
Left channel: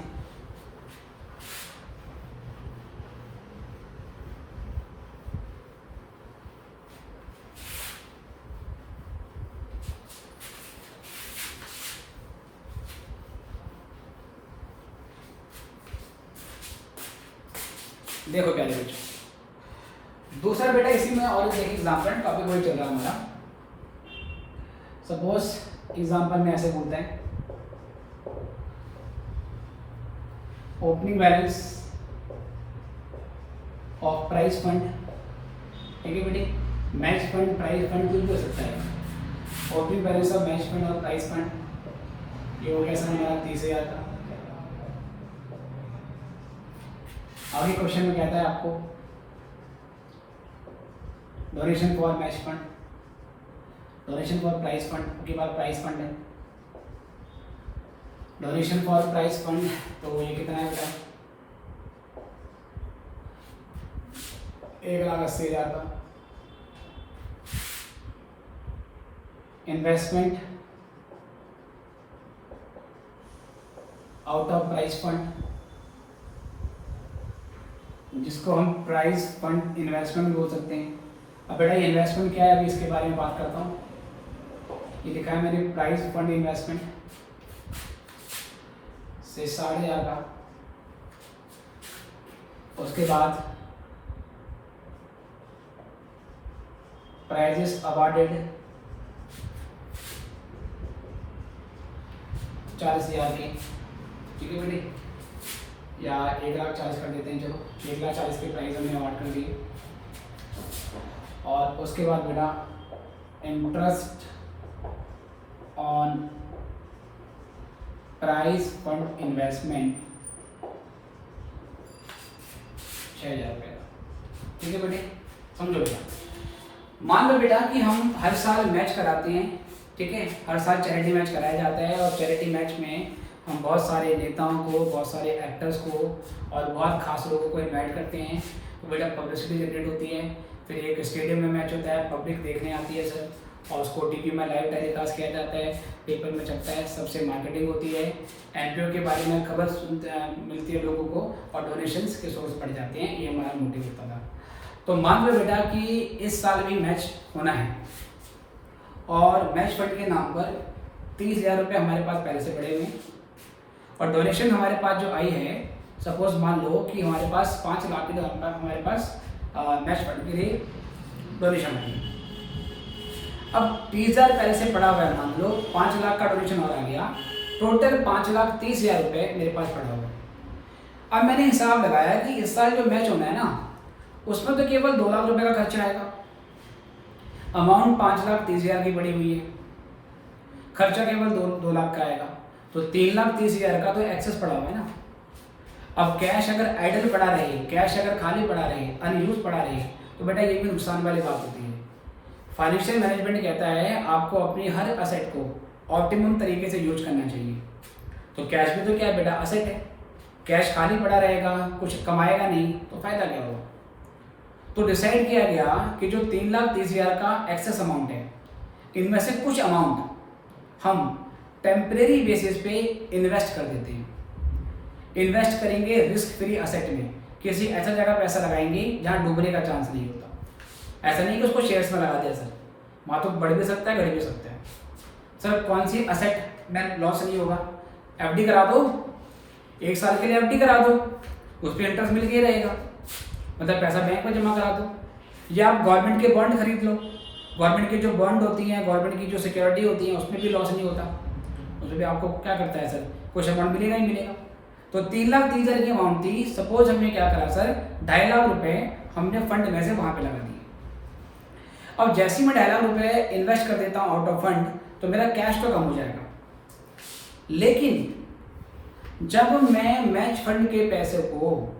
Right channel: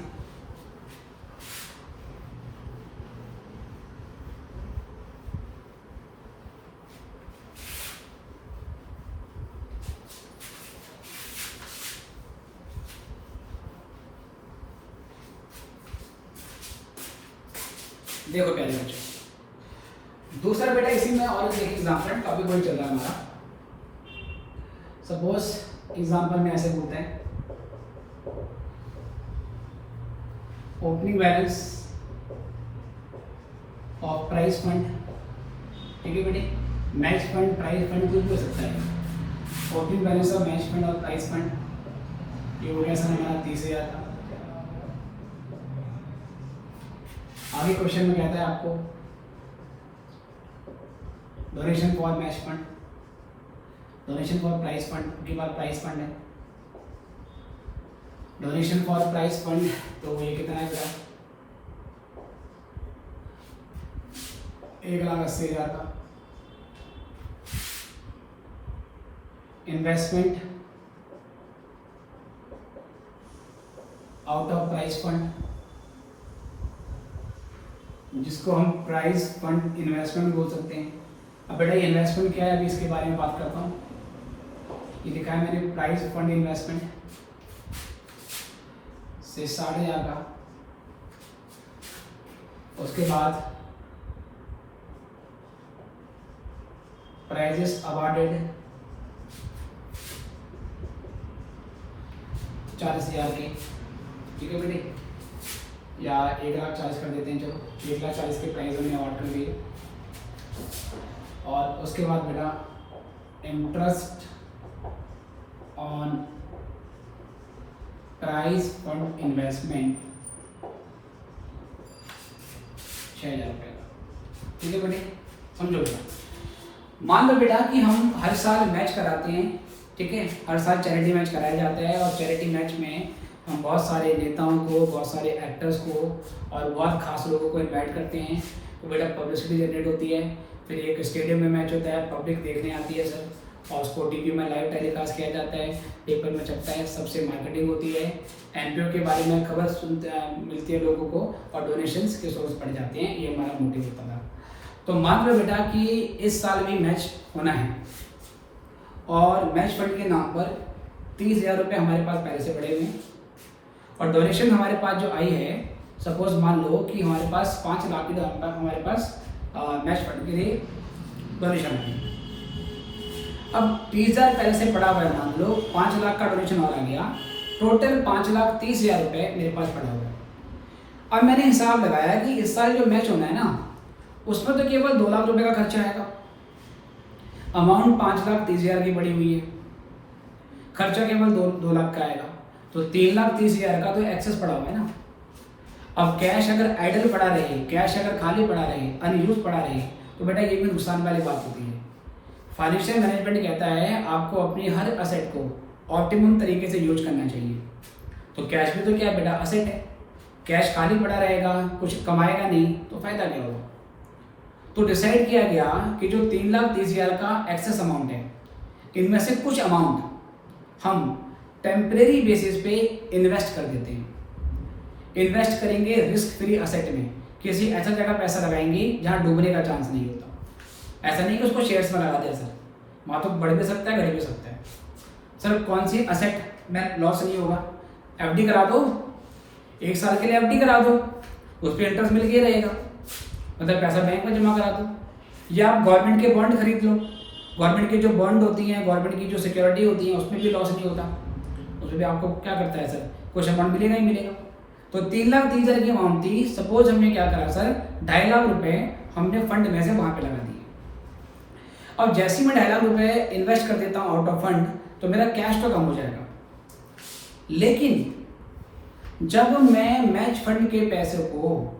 देखो प्यारे बच्चों, दूसरा बेटा इसी में और एक एग्जाम्पल टॉपिक वही चल रहा है हमारा. सपोज एग्जाम्पल में ऐसे बोलता है opening balance of price fund, ठीक है बेटे, मैच फंड, प्राइस फंड कुछ भी हो सकता है। Opening balance of match fund और प्राइस फंड, ये हो गया सर हमारा 30,000 का। आगे क्वेश्चन में कहता है आपको donation for match fund, donation for price fund के बाद प्राइस फंड है। डोनेशन फॉर प्राइस फंड तो ये कितना है बेटा, 1,80,000 का। Investment out of price fund, जिसको हम प्राइस फंड इन्वेस्टमेंट बोल सकते हैं। अब बेटा ये इन्वेस्टमेंट क्या है, अभी इसके बारे में बात करता हूँ। ये लिखा है मैंने प्राइस फंड इन्वेस्टमेंट से 1,500,000 का। उसके बाद प्राइजेस अवार्डेड 40,000 के, ठीक है बेटे, या 1,40,000 कर देते हैं, चलो 1,40,000 के प्राइस हमने अवार्ड कर दिए। और उसके बाद बेटा interest on price fund investment 6,000 रुपये का, ठीक है बेटे, समझो बेटा। मान लो बेटा कि हम हर साल मैच कराते हैं, ठीक है, हर साल चैरिटी मैच कराया जाता है, और चैरिटी मैच में हम बहुत सारे नेताओं को, बहुत सारे एक्टर्स को और बहुत खास लोगों को इनवाइट करते हैं। तो बेटा पब्लिसिटी जनरेट होती है, फिर एक स्टेडियम में मैच होता है, पब्लिक देखने आती है सर, और उसको टीवी में लाइव टेलीकास्ट किया जाता है, पेपर में छपता है, सबसे मार्केटिंग होती है, एनपीओ के बारे में खबर मिलती है लोगों को, और डोनेशंस के सोर्स बढ़ जाते हैं। ये हमारा मोटिव होता था। तो मान लो बेटा कि इस साल भी मैच होना है, और मैच फंड के नाम पर 30,000 रुपये हमारे पास पहले से पड़े हुए हैं, और डोनेशन हमारे पास जो आई है, सपोज मान लो कि हमारे पास 5 लाख की हमारे पास मैच फंड के लिए डोनेशन है। अब 30,000 पहले से पड़ा हुआ है, मान लो 5 लाख का डोनेशन और आ गया, टोटल 5,30,000 रुपये मेरे पास पड़ा हुआ है। अब मैंने हिसाब लगाया कि इस साल जो मैच होना है ना, उसमें तो केवल 2 लाख रुपए का खर्चा आएगा। अमाउंट 5,30,000 की पड़ी हुई है, खर्चा केवल 2 लाख का आएगा, तो 3,30,000 का तो एक्सेस पड़ा हुआ है ना। अब कैश अगर आइडल पड़ा रहे, कैश अगर खाली पड़ा रहे, अनयूज पड़ा रहे, तो बेटा ये भी नुकसान वाली बात होती है। फाइनेंशियल मैनेजमेंट कहता है आपको अपनी हर असेट को ऑप्टिमम तरीके से यूज करना चाहिए। तो कैश भी तो क्या है बेटा, असेट है। कैश खाली पड़ा रहेगा, कुछ कमाएगा नहीं, तो फायदा क्या होगा। तो डिसाइड किया गया कि जो 3,30,000 का एक्सेस अमाउंट है, इनमें से कुछ अमाउंट हम टेम्परेरी बेसिस पे इन्वेस्ट कर देते हैं। इन्वेस्ट करेंगे रिस्क फ्री असेट में, किसी ऐसा जगह पैसा लगाएंगे जहां डूबने का चांस नहीं होता। ऐसा नहीं कि उसको शेयर्स में लगा दिया सर, वहां तो बढ़ भी सकता है, घट भी सकता है। सर कौन सी असेट में लॉस नहीं होगा, एफडी करा दो, 1 साल के लिए एफडी करा दो, उस पर इंटरेस्ट मिल के रहेगा, मतलब पैसा बैंक में जमा करा दो, या आप गवर्नमेंट के बॉन्ड खरीद लो। गवर्नमेंट की जो बॉन्ड होती हैं, गवर्नमेंट की जो सिक्योरिटी होती है, उसमें भी लॉस नहीं होता, उसमें भी आपको क्या करता है सर, कुछ अमाउंट मिलेगा ही मिलेगा। तो 3,30,000 की अमाउंट थी, सपोज हमने क्या करा सर, 2.5 लाख रुपए हमने फंड में से वहां पे लगा दिए। अब जैसे ही मैं 2.5 लाख रुपए इन्वेस्ट कर देता हूँ आउट ऑफ फंड, तो मेरा कैश तो कम हो जाएगा। लेकिन जब मैं मैच फंड के पैसे को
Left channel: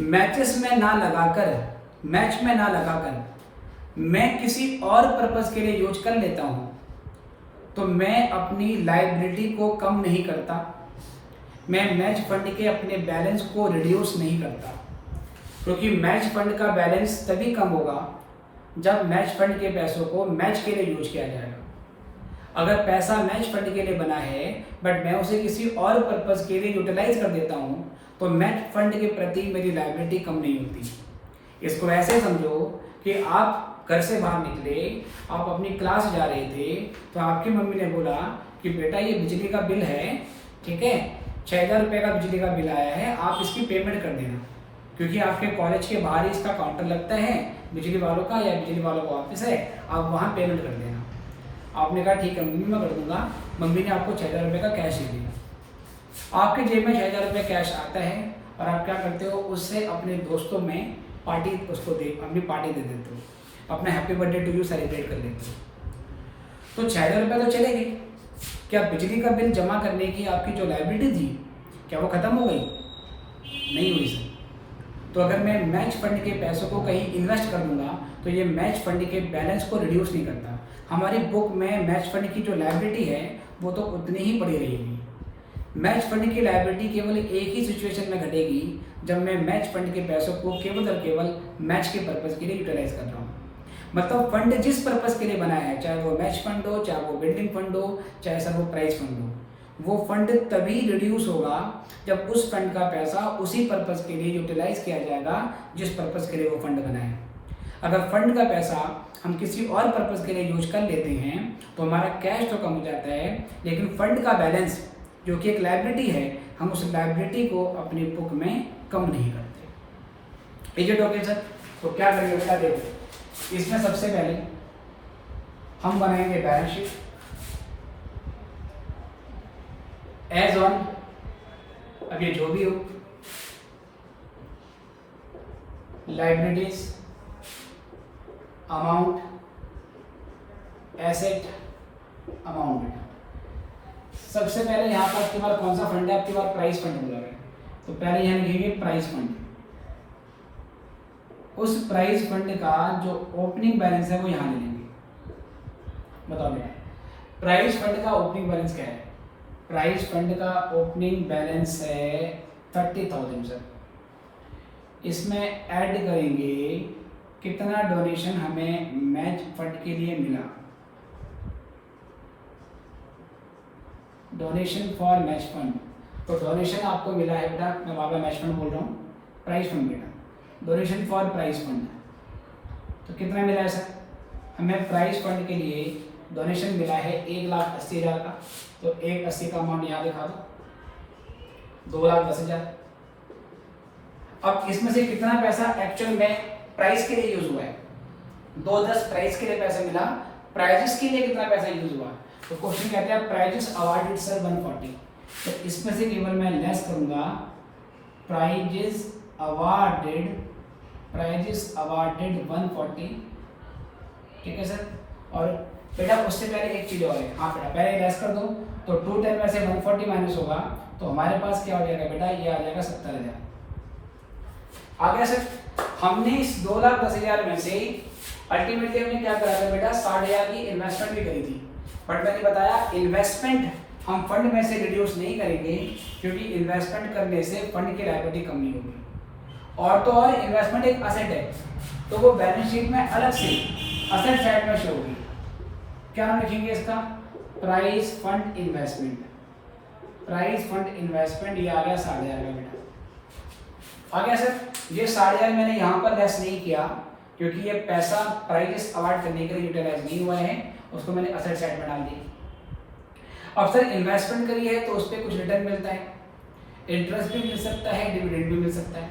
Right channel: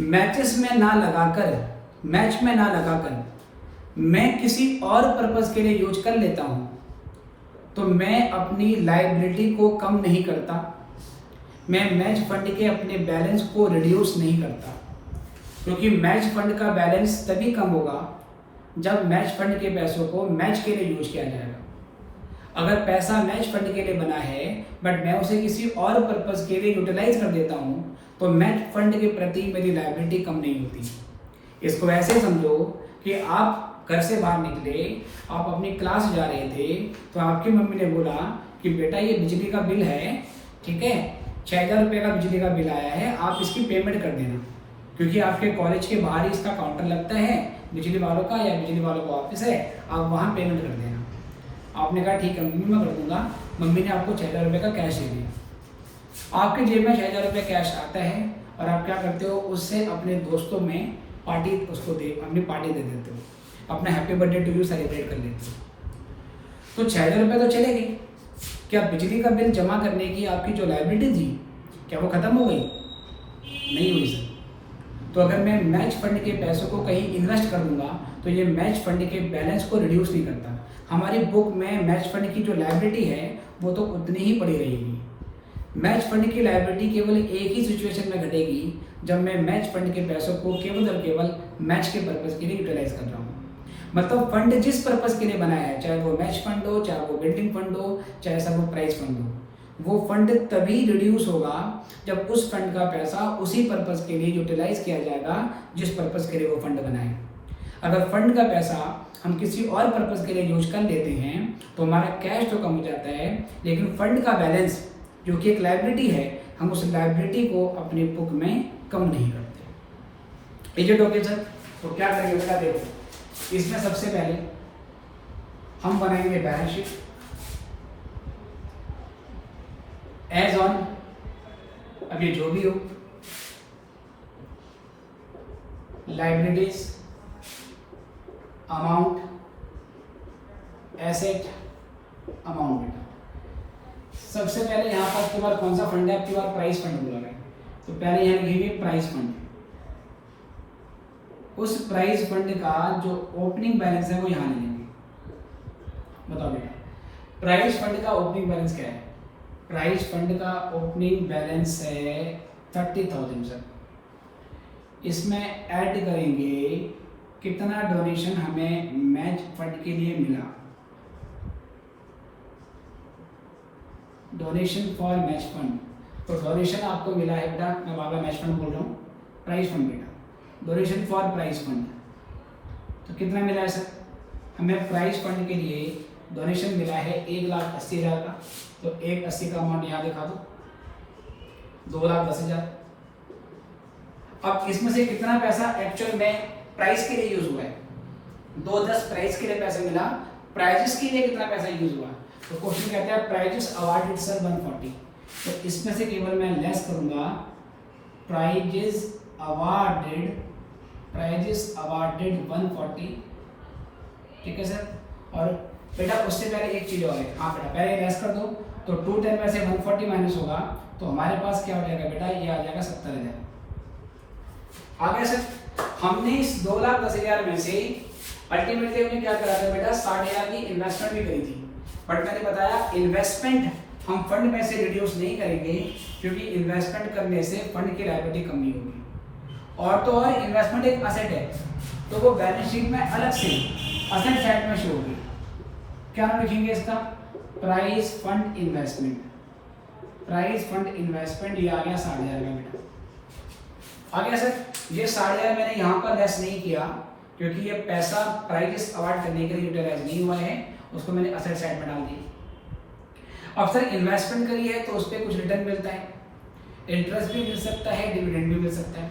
मैचेस में ना लगाकर, मैच में ना लगाकर मैं किसी और पर्पस के लिए यूज कर लेता हूं, तो मैं अपनी लायबिलिटी को कम नहीं करता, मैं मैच फंड के अपने बैलेंस को रिड्यूस नहीं करता। क्योंकि मैच फंड का बैलेंस तभी कम होगा जब मैच फंड के पैसों को मैच के लिए यूज किया जाएगा। अगर पैसा मैच फंड के लिए बना है बट मैं उसे किसी और पर्पस के लिए यूटिलाइज कर देता हूं, तो मैच फंड के प्रति मेरी लायबिलिटी कम नहीं होती। इसको ऐसे समझो कि आप घर से बाहर निकले, आप अपनी क्लास जा रहे थे, तो आपकी मम्मी ने बोला कि बेटा ये बिजली का बिल है, ठीक है, 6,000 रुपये का बिजली का बिल आया है, आप इसकी पेमेंट कर देना, क्योंकि आपके कॉलेज के बाहर ही इसका काउंटर लगता है बिजली वालों का, या बिजली वालों का ऑफिस है, आप वहाँ पेमेंट कर देना। आपने कहा ठीक है मम्मी मैं कर दूंगा। मम्मी ने आपको 6,000 रुपये का कैश दे दिया। आपके जेब में 6,000 रुपये कैश आता है और आप क्या करते हो, उससे अपने दोस्तों में पार्टी अपनी पार्टी दे देते हो, अपना happy birthday to you celebrate कर लेते हो। तो 6,000 रुपये तो चले गए। क्या बिजली का बिल जमा करने की आपकी जो लायबिलिटी थी, क्या वो खत्म हो गई? नहीं हुई सर। तो अगर मैं मैच फंड के पैसों को कहीं इन्वेस्ट कर दूंगा तो ये मैच फंड के बैलेंस को रिड्यूस नहीं करता। हमारी बुक में मैच फंड की जो लायबिलिटी है वो तो उतनी ही पड़ी रहेगी। मैच फंड की लायबिलिटी केवल एक ही सिचुएशन में घटेगी, जब मैं मैच फंड के पैसों को केवल और केवल मैच के पर्पज़ के लिए यूटिलाइज कर रहा हूँ। मतलब फंड जिस पर्पज़ के लिए बनाया है, चाहे वो मैच फंड हो, चाहे वो बिल्डिंग फंड हो, चाहे सर वो प्राइज फंड हो, वो फंड तभी रिड्यूस होगा जब उस फंड का पैसा उसी पर्पज़ के लिए यूटिलाइज किया जाएगा जिस पर्पज़ के लिए वो फंड बना है। अगर फंड का पैसा हम किसी और पर्पज़ के लिए यूज कर लेते हैं तो हमारा कैश तो कम हो जाता है, लेकिन फंड का बैलेंस जो कि एक लायबिलिटी है, हम उस लायबिलिटी को अपनी बुक में कम नहीं करते। Is it okay sir? तो क्या करेंगे बेटा, देखो इसमें सबसे पहले हम बनाएंगे बैलेंस शीट एज ऑन। अब ये जो भी हो, लायबिलिटीज, अमाउंट, एसेट, अमाउंट। सबसे पहले यहाँ पर आपके पास कौन सा फंड है? आपके पास प्राइस फंड बोला है, तो पहले यहाँ लिखेंगे प्राइस फंड। उस प्राइस फंड का जो ओपनिंग बैलेंस है वो यहाँ लिखेंगे। बताओ बेटा, प्राइस फंड का ओपनिंग बैलेंस क्या है? प्राइस फंड का ओपनिंग बैलेंस है 30,000 सर। इसमें ऐड करेंगे कितना डोनेशन हमें मैच फंड के लिए मिला, डोनेशन फॉर मैच फंड। तो डोनेशन आपको मिला है बेटा, मैं बाबा मैच फंड बोल रहा हूँ, प्राइस फंड बेटा, डोनेशन फॉर प्राइस फंड। तो कितना मिला है सर? हमें प्राइस फंड के लिए डोनेशन मिला है 1,80,000 का। तो 1,80,000 का अमाउंट यहाँ दिखा दो, 2,10,000। अब इसमें से कितना पैसा एक्चुअल में प्राइस के लिए यूज हुआ है? 2,10 प्राइस के लिए पैसा मिला, प्राइजेस के लिए कितना पैसा यूज हुआ? तो क्वेश्चन कहते हैं प्राइजेस अवार्डेड सर 140। तो इसमें से केवल मैं लेस करूंगा प्राइजेस अवार्डेड 140। ठीक है सर। और बेटा उससे पहले एक चीज और है, हाँ बेटा पहले लेस कर दो, तो 210 में से 140 माइनस होगा तो हमारे पास क्या हो जाएगा बेटा, ये आ जाएगा 70,000। आ गया सर। हमने इस 2,10,000 में से अल्टीमेटली हमने क्या करा था बेटा, 60,000 की इन्वेस्टमेंट भी करी थी। बट मैंने बताया इन्वेस्टमेंट हम फंड में से रिड्यूस नहीं करेंगे, क्योंकि इन्वेस्टमेंट करने से फंड की लायबिलिटी कम नहीं होगी। और तो और इन्वेस्टमेंट एक असेट है, तो वो बैलेंस शीट में अलग से असेट साइड में शो होगी। क्या नाम लिखेंगे इसका? Price fund investment. Price fund investment ये आ गया 60,000 का बेटा। आ गया सर। ये 60,000 मैंने यहाँ पर लेस नहीं किया, क्योंकि ये पैसा प्राइजेस अवार्ड करने के लिए यूटिलाइज नहीं हुआ है, उसको मैंने असेट साइड में डाल दिया। अब सर इन्वेस्टमेंट करी है तो उस पर कुछ रिटर्न मिलता है, इंटरेस्ट भी मिल सकता है, डिविडेंड भी मिल सकता है।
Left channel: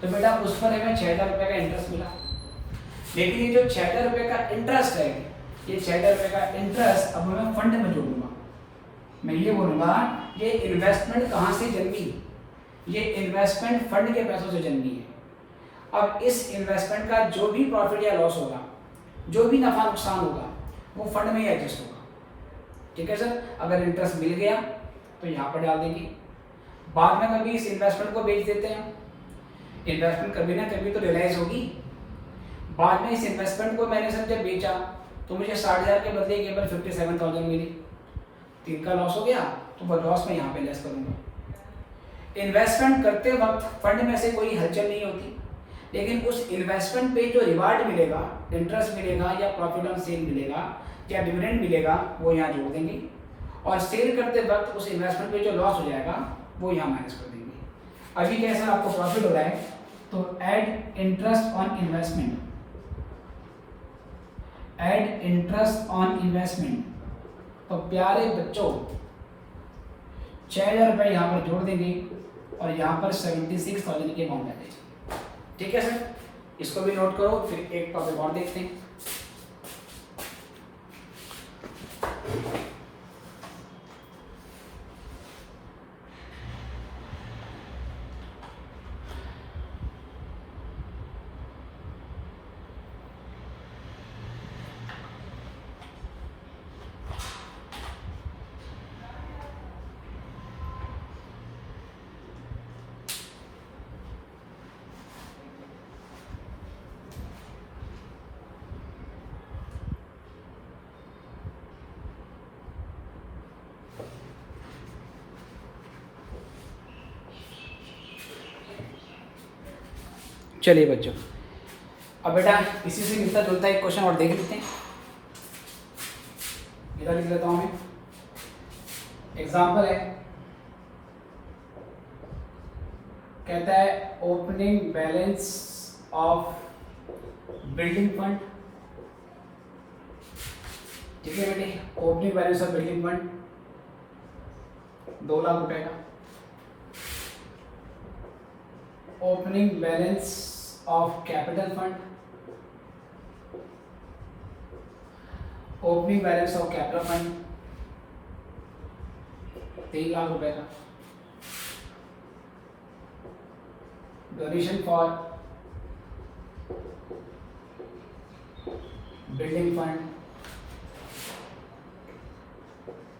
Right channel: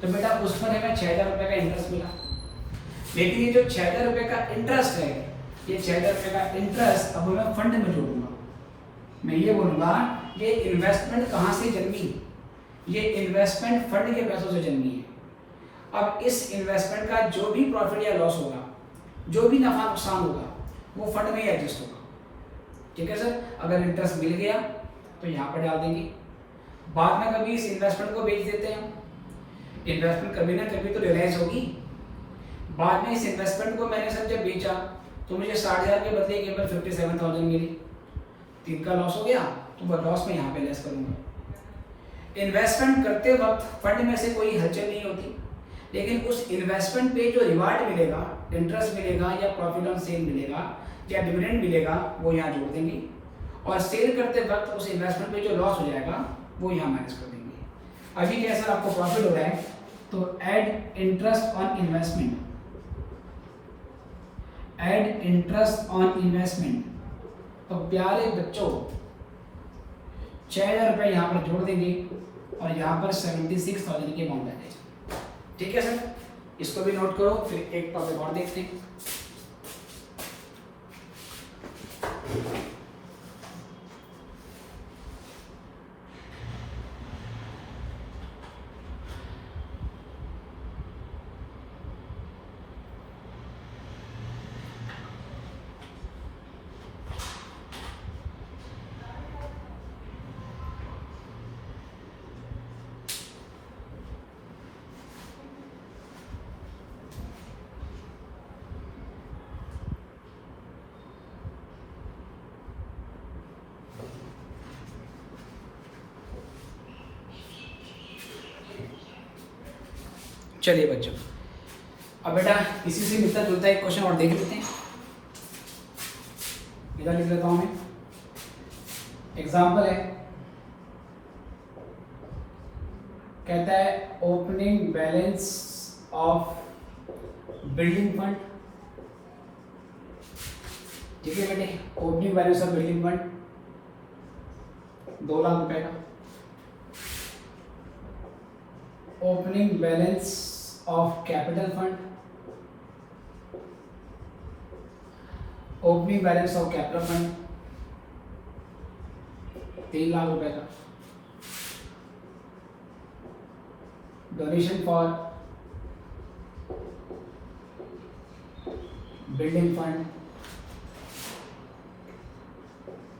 तो बेटा उस पर हमें 6,000 रुपये का इंटरेस्ट मिला, लेकिन ये जो 6,000 रुपये का इंटरेस्ट है, ये 6,000 रुपये का इंटरेस्ट अब मैं फंड में जोड़ूंगा। मैं ये बोलूंगा ये इन्वेस्टमेंट कहाँ से जन्मी? ये इन्वेस्टमेंट फंड के पैसों से जन्मी है। अब इस इन्वेस्टमेंट का जो भी प्रॉफिट या लॉस होगा, जो भी नफा नुकसान होगा, वो फंड में ही एडजस्ट होगा। ठीक है सर। अगर इंटरेस्ट मिल गया तो यहाँ पर डाल देंगे, बाद में कभी इस इन्वेस्टमेंट को बेच देते हैं, इन्वेस्टमेंट कभी ना कभी तो रियलाइज होगी। बाद में इस इन्वेस्टमेंट को मैंने सर जब बेचा तो मुझे 60,000 के बदले केवल 57,000 मिली, तो इनका लॉस हो गया, तो वो लॉस मैं यहाँ पे लेस करूँगा। इन्वेस्टमेंट करते वक्त फंड में से कोई हलचल नहीं होती, लेकिन उस इन्वेस्टमेंट पे जो रिवार्ड मिलेगा, इंटरेस्ट मिलेगा या प्रॉफिट ऑन सेल मिलेगा या डिविडेंड मिलेगा, वो यहाँ जोड़ देंगे, और सेल करते वक्त उस इन्वेस्टमेंट पे जो लॉस हो जाएगा वो यहाँ माइनस कर देंगे। अभी कैसा आपको प्रॉफिट हो रहा है, तो add interest on investment, add interest on investment. तो प्यारे बच्चों 6,000 रुपये यहाँ पर जोड़ देंगे और यहाँ पर 76,000 की अमाउंट आ जाएगी। ठीक है सर, इसको भी नोट करो। फिर एक टॉपिक और देखते हैं। चलिए बच्चों, अब बेटा इसी से मिलता जुलता एक क्वेश्चन और देख लेते हैं। इधर लिख लेता हूँ मैं, एग्जाम्पल है, कहता है opening balance of building fund. ठीक है बेटे, opening balance of building fund 2 lakh रुपए का। Opening balance of capital fund, opening balance of capital fund 3 lakh रुपए का। Donation for building fund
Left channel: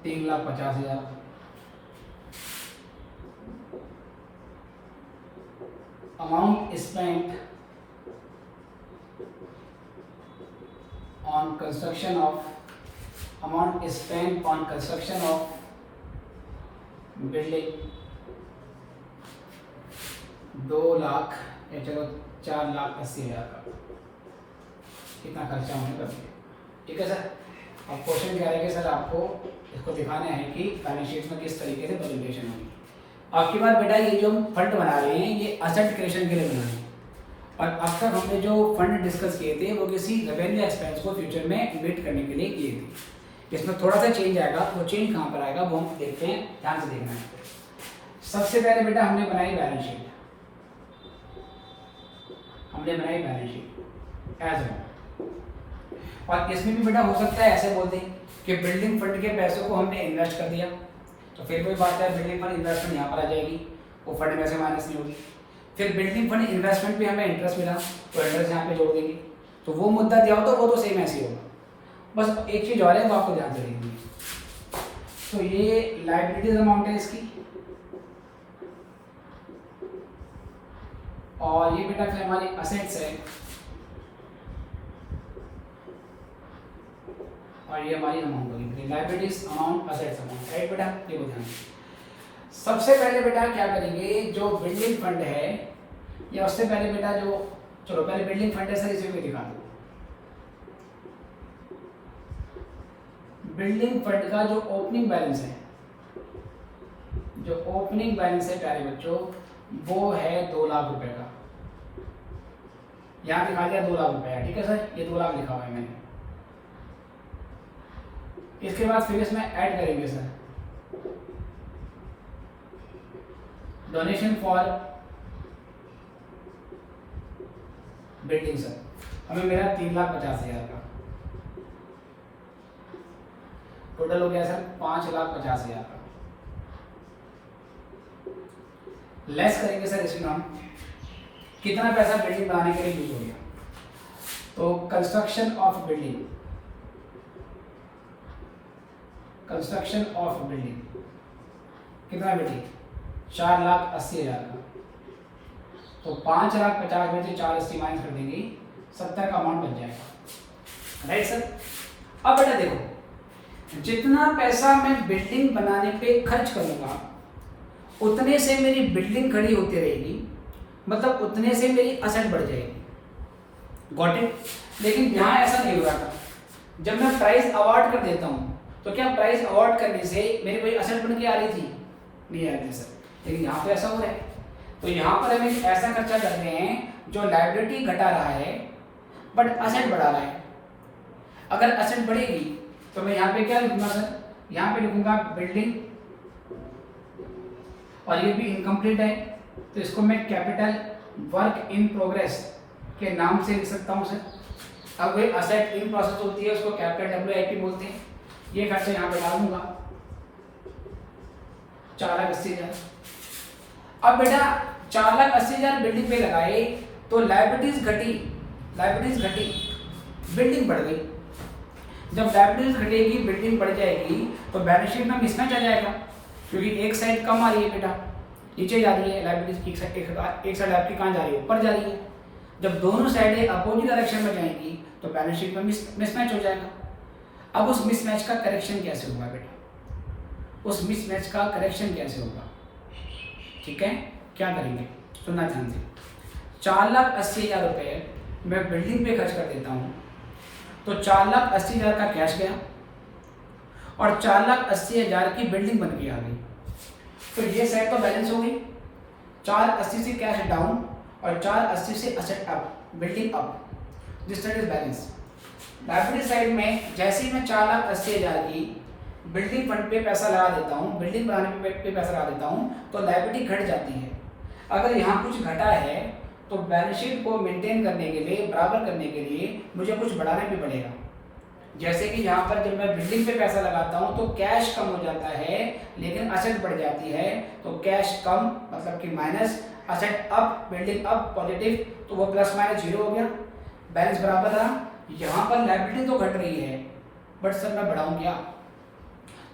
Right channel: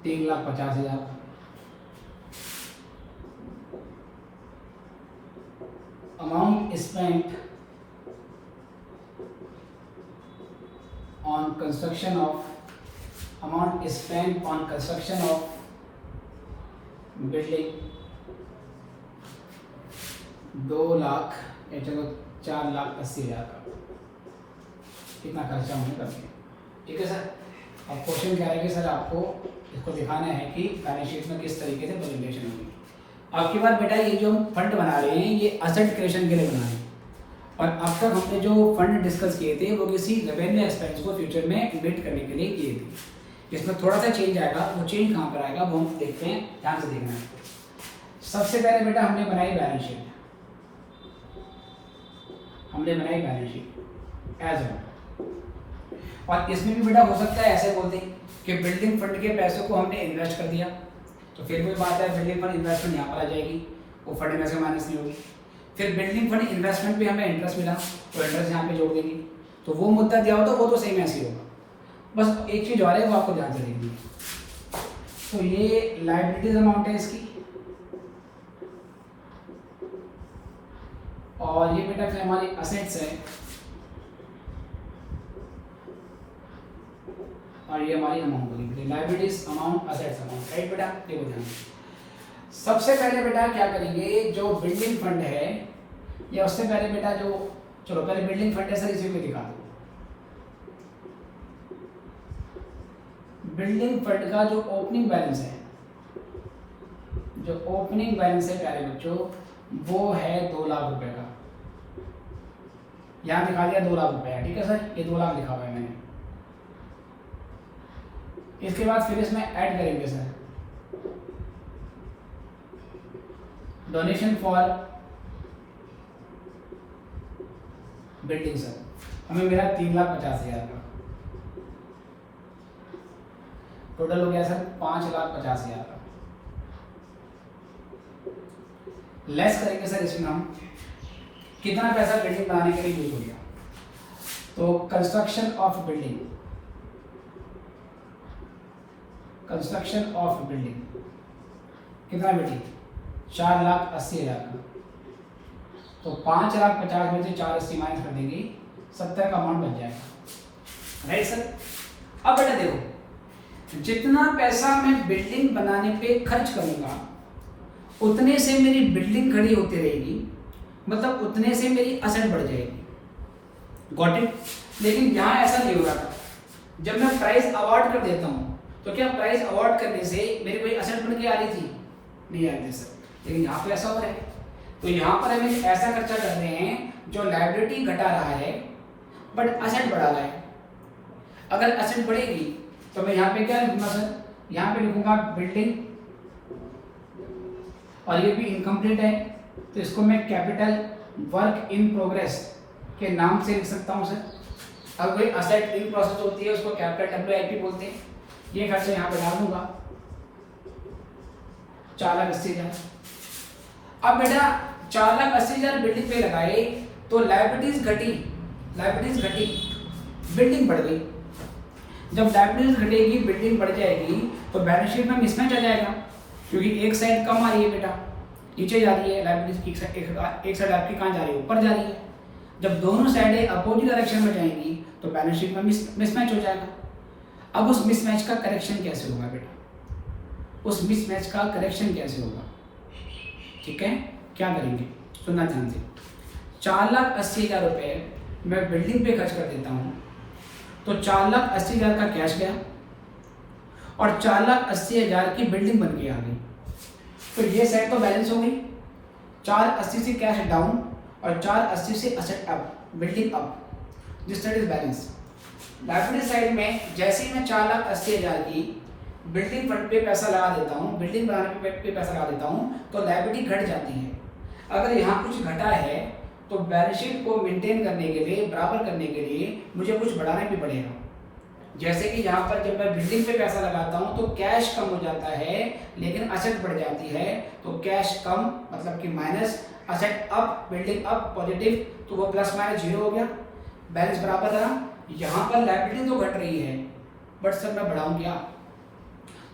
3,50,000। Amount spent on construction of building 2 lakh या चलो 4,80,000 का कितना खर्चा होने का। ठीक है सर, अब क्वेश्चन क्या है कि सर आपको इसको दिखाना है कि बैलेंस शीट में किस तरीके से प्रेजेंटेशन होगी। आपकी बात बेटा, ये जो फंड बना रहे हैं ये असेट क्रिएशन के लिए बना रहे हैं, और अब तक हमने जो फंड डिस्कस किए थे वो किसी रेवेन्यू एक्सपेंस को फ्यूचर में इन्वेस्ट करने के लिए किए थे। इसमें थोड़ा सा चेंज आएगा, वो चेंज कहाँ पर आएगा वो हम देखते हैं, ध्यान से देखना है। सबसे पहले बेटा हमने बनाई बैलेंस शीट, एज अ, और इसमें भी बेटा हो सकता है ऐसे बोलते हैं कि बिल्डिंग फंड के पैसों को हमने इन्वेस्ट कर दिया, तो फिर वही बात है बिल्डिंग फंड इन्वेस्टमेंट यहाँ पर आ जाएगी, वो फंड में से माइनस नहीं होगी। फिर बिल्डिंग फंड इन्वेस्टमेंट पे हमें इंटरेस्ट मिला तो इंटरेस्ट यहाँ पे जोड़ देंगे, तो वो मुद्दा दिया हो तो वो तो सेम ऐसे ही होगा। बस एक चीज़ और है वो आपको ध्यान से देखनी है। तो ये लायबिलिटीज अमाउंट है इसकी, और ये बेटा फिर हमारी असेट्स है, और ये हमारी अमाउंट होगी, liabilities amount assets amount, right बेटा, ये ध्यान। सबसे पहले बेटा क्या करेंगे, जो बिल्डिंग फंड है या उससे पहले बेटा जो, चलो पहले बिल्डिंग फंड है सर, इसे भी दिखा दो। बिल्डिंग फंड का जो ओपनिंग बैलेंस है, प्यारे बच्चों, वो है 2 लाख रुपए का। यहाँ दिखा दिया 2 लाख रुपए, ठीक है सर, ये 2 लाख लिखा हुआ है मैंने। इसके बाद फिर इसमें ऐड करेंगे sir donation for building sir, हमें मेरा 3,50,000 का टोटल हो गया सर 5,50,000 का। लेस करेंगे सर इसमें हम कितना पैसा बिल्डिंग बनाने के लिए यूज हो गया, तो कंस्ट्रक्शन ऑफ बिल्डिंग कितना बिल्डिंग 4,80,000 का, तो 5,50,000 में से 4,80 माइनस कर देंगे, 70 का अमाउंट बन जाएगा, राइट सर। अब बेटा देखो, जितना पैसा मैं बिल्डिंग बनाने पे खर्च करूंगा उतने से मेरी बिल्डिंग खड़ी होती रहेगी, मतलब उतने से मेरी असेट बढ़ जाएगी, गॉट इट। लेकिन यहाँ ऐसा नहीं हो रहा था, जब मैं प्राइस अवार्ड कर देता हूँ तो क्या प्राइस अवार्ड करने से मेरी कोई असेट बन के आ रही थी, नहीं आ रही सर, लेकिन यहाँ पे ऐसा हो रहा है। तो यहाँ पर हमें ऐसा खर्चा कर रहे हैं जो लायबिलिटी घटा रहा है बट असेट बढ़ा रहा है। अगर असेट बढ़ेगी तो मैं यहाँ पे क्या लिखूंगा सर, यहाँ पे लिखूंगा बिल्डिंग, और ये भी इनकम्प्लीट है तो इसको मैं कैपिटल वर्क इन प्रोग्रेस के नाम से लिख सकता हूँ सर। अब वही असेट इन प्रोसेस होती है उसको कैपिटल WIP बोलते हैं। ये खर्चा यहाँ पे डाल दूंगा 4,80,000। अब बेटा 4,80,000 बिल्डिंग पे लगाए तो लायबिलिटीज घटी, बिल्डिंग बढ़ गई। जब लायबिलिटीज घटेगी बिल्डिंग बढ़ जाएगी तो बैलेंस शीट में मिसमैच आ जाएगा, क्योंकि एक साइड कम आ रही है बेटा, नीचे जा रही है लायबिलिटीज, एक साइड आपकी कहाँ जा रही है, ऊपर जा रही है। जब दोनों साइडें अपोजिट डायरेक्शन में जाएंगी तो बैलेंस शीट में मिसमैच हो जाएगा। अब उस मिसमैच का करेक्शन कैसे होगा बेटा, ठीक है, क्या करेंगे, सुनना ध्यान से। 4,80,000 रुपये मैं बिल्डिंग पे खर्च कर देता हूँ, तो 4,80,000 का कैश गया और 4,80,000 की बिल्डिंग बन के आ गई। तो ये सेट तो बैलेंस हो गई, 480 से कैश डाउन और 480 से asset up, building up, this set is balance. Liability side में जैसे ही मैं 4,80,000 की बिल्डिंग फंड पे पैसा लगा देता हूँ, बिल्डिंग बनाने पे पैसा लगा देता हूँ, तो लायबिलिटी घट जाती है। अगर यहाँ कुछ घटा है तो बैलेंस शीट को मेंटेन करने के लिए, बराबर करने के लिए मुझे कुछ बढ़ाना भी पड़ेगा। जैसे कि यहाँ पर जब मैं बिल्डिंग पे पैसा लगाता हूँ तो कैश कम हो जाता है लेकिन असेट बढ़ जाती है, तो कैश कम मतलब कि minus, asset up, building up positive, तो वो प्लस माइनस जीरो हो गया, बैलेंस बराबर रहा। यहाँ पर लायबिलिटी तो घट रही है बट सर मैं बढ़ाऊँ क्या?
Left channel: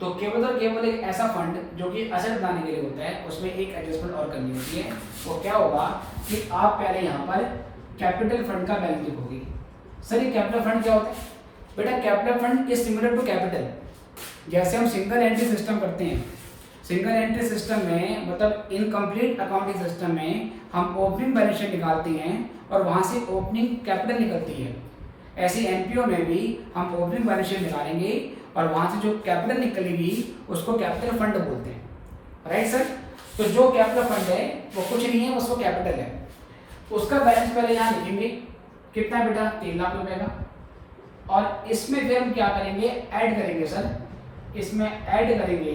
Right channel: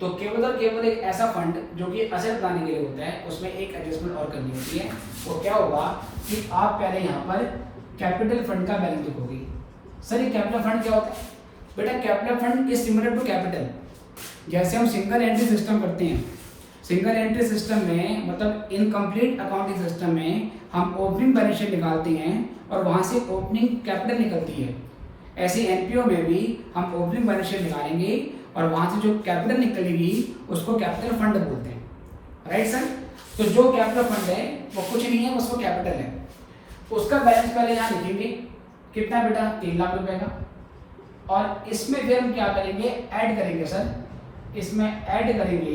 तो केवल और केवल एक ऐसा फंड जो कि असेट बनाने के लिए होता है उसमें एक एडजस्टमेंट और करनी होती है। वो क्या होगा कि आप पहले यहाँ पर कैपिटल फंड का बैलेंस लिखोगे। सर ये कैपिटल फंड क्या होता है? बेटा capital fund is similar to capital. जैसे हम सिंगल एंट्री सिस्टम करते हैं, सिंगल एंट्री सिस्टम में मतलब इनकम्प्लीट अकाउंटिंग सिस्टम में हम ओपनिंग बैलेंस शीट निकालते हैं और वहाँ से ओपनिंग कैपिटल निकलती है। ऐसी एनपीओ में भी हम ओपनिंग बैलेंस शीट निकालेंगे और वहाँ से जो कैपिटल निकलेगी उसको कैपिटल फंड बोलते हैं, राइट सर। तो जो कैपिटल फंड है वो कुछ नहीं है, उसको कैपिटल है। उसका बैलेंस पहले यहाँ लिखेंगे, कितना बेटा? 3 लाख रुपए का। और इसमें फिर हम क्या करेंगे? ऐड करेंगे सर, इसमें ऐड करेंगे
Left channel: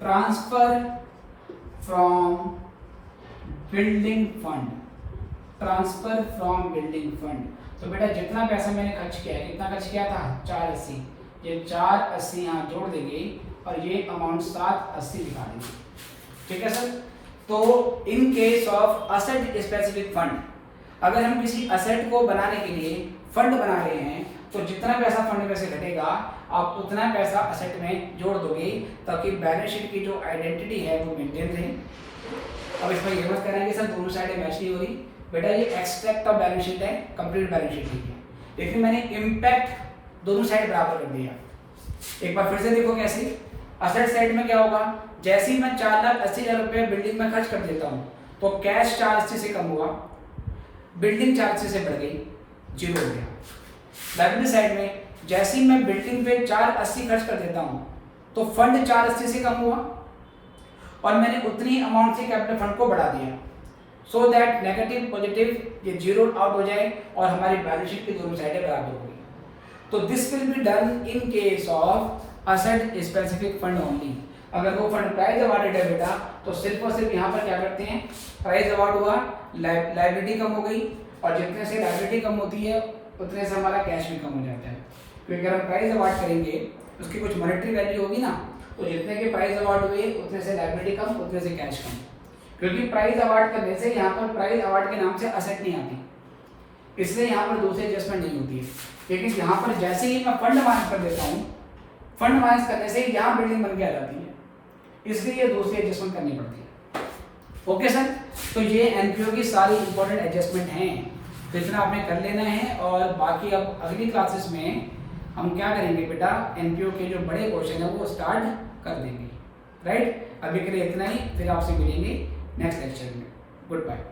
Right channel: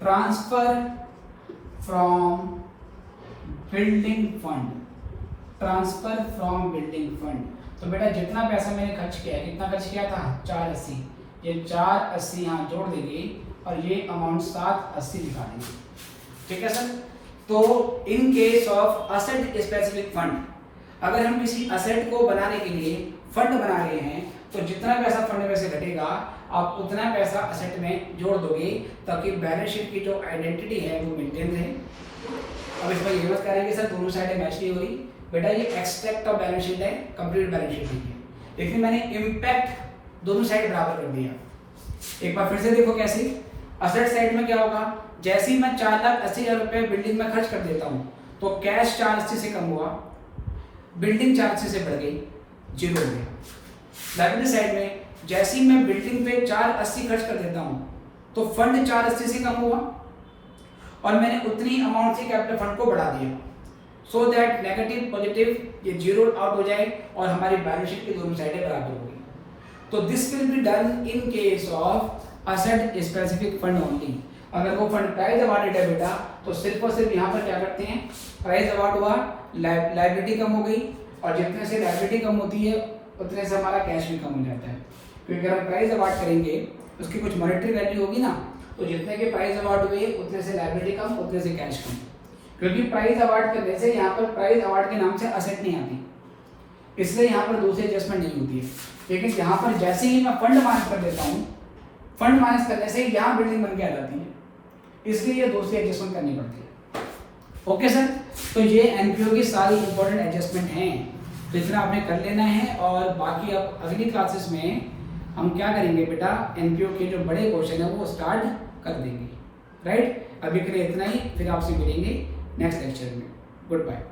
transfer from building fund, transfer from building fund. तो बेटा जितना पैसा मैंने खर्च किया है, कितना खर्च किया था? 480, ये 480 यहाँ जोड़ देंगे और ये अमाउंट 780 लिखा देंगे, ठीक है सर। तो in case of asset specific fund, अगर हम किसी असेट को बनाने के लिए फंड बना रहे हैं तो जितना पैसा फंड में से घटेगा आप उतना पैसा असेट में जोड़ दोगे ताकि बैलेंस शीट की जो आइडेंटिटी है वो मेंटेन रहे। अब इसमें ये मत करेंगे सर दोनों साइडें मैच नहीं हो रही। बेटा ये एक्सट्रैक्ट ऑफ बैलेंस शीट है, कंप्लीट बैलेंस शीट नहीं है, लेकिन मैंने इम्पैक्ट दोनों साइड बराबर कर दिया। एक बार फिर से देखो कैसे। असेट साइड में क्या होगा? जैसे ही मैं 4,80,000 रुपये बिल्डिंग में खर्च कर देता हूँ तो कैश 480 से कम हुआ, बिल्डिंग 480 से बढ़ गई, जीरो हो गया। लायबिलिटी साइड में जैसे ही मैं बिल्डिंग पे 480 खर्च कर देता हूँ तो फंड 480 से कम हुआ और मैंने उतनी अमाउंट से कैपिटल फंड को बढ़ा दिया, सो दैट नेगेटिव पॉजिटिव ये जीरो आउट हो जाए और हमारी बैलेंस शीट की दोनों साइडें बराबर हो गई। तो this will be done in case of asset specific fund only. अगर वो फंड प्राइस अवार्डेड है बेटा तो सिर्फ और सिर्फ यहाँ पर क्या करते हैं, प्राइस अवार्ड हुआ, लायबिलिटी कम हो गई और जितने से लायबिलिटी कम होती है उतने से हमारा कैश भी कम हो जाता है। क्योंकि अगर हम प्राइस अवार्ड करेंगे उसकी कुछ मॉनेटरी वैल्यू होगी ना, तो जितने के प्राइस अवार्ड हुए उतने से लायबिलिटी कम, उतने से कैश कम। क्योंकि प्राइस अवार्ड करने से यहाँ पर प्राइस अवार्ड के नाम से असेट नहीं आती, इसलिए यहाँ पर दूसरी एडजस्टमेंट नहीं होती है। लेकिन यहाँ पर जैसे ही मैं फंड माइनस कर देता हूँ, फंड माइनस करने से यहाँ बिल्डिंग बन के आ जाती है, इसलिए ये दूसरी एडजस्टमेंट करनी पड़ती है। ओके सर, तो ये एनपीओ की सारी इंपॉर्टेंट एडजस्टमेंट हैं, तो इतना आपने कर लेना है। और बाकी अब अगली क्लासेस में हम क्या करेंगे बेटा, एनपीओ के जो बड़े क्वेश्चन है वो स्टार्ट कर देंगे, राइट। अभी के लिए इतना ही, फिर आपसे मिलेंगे नेक्स्ट लेक्चर में। Good bye.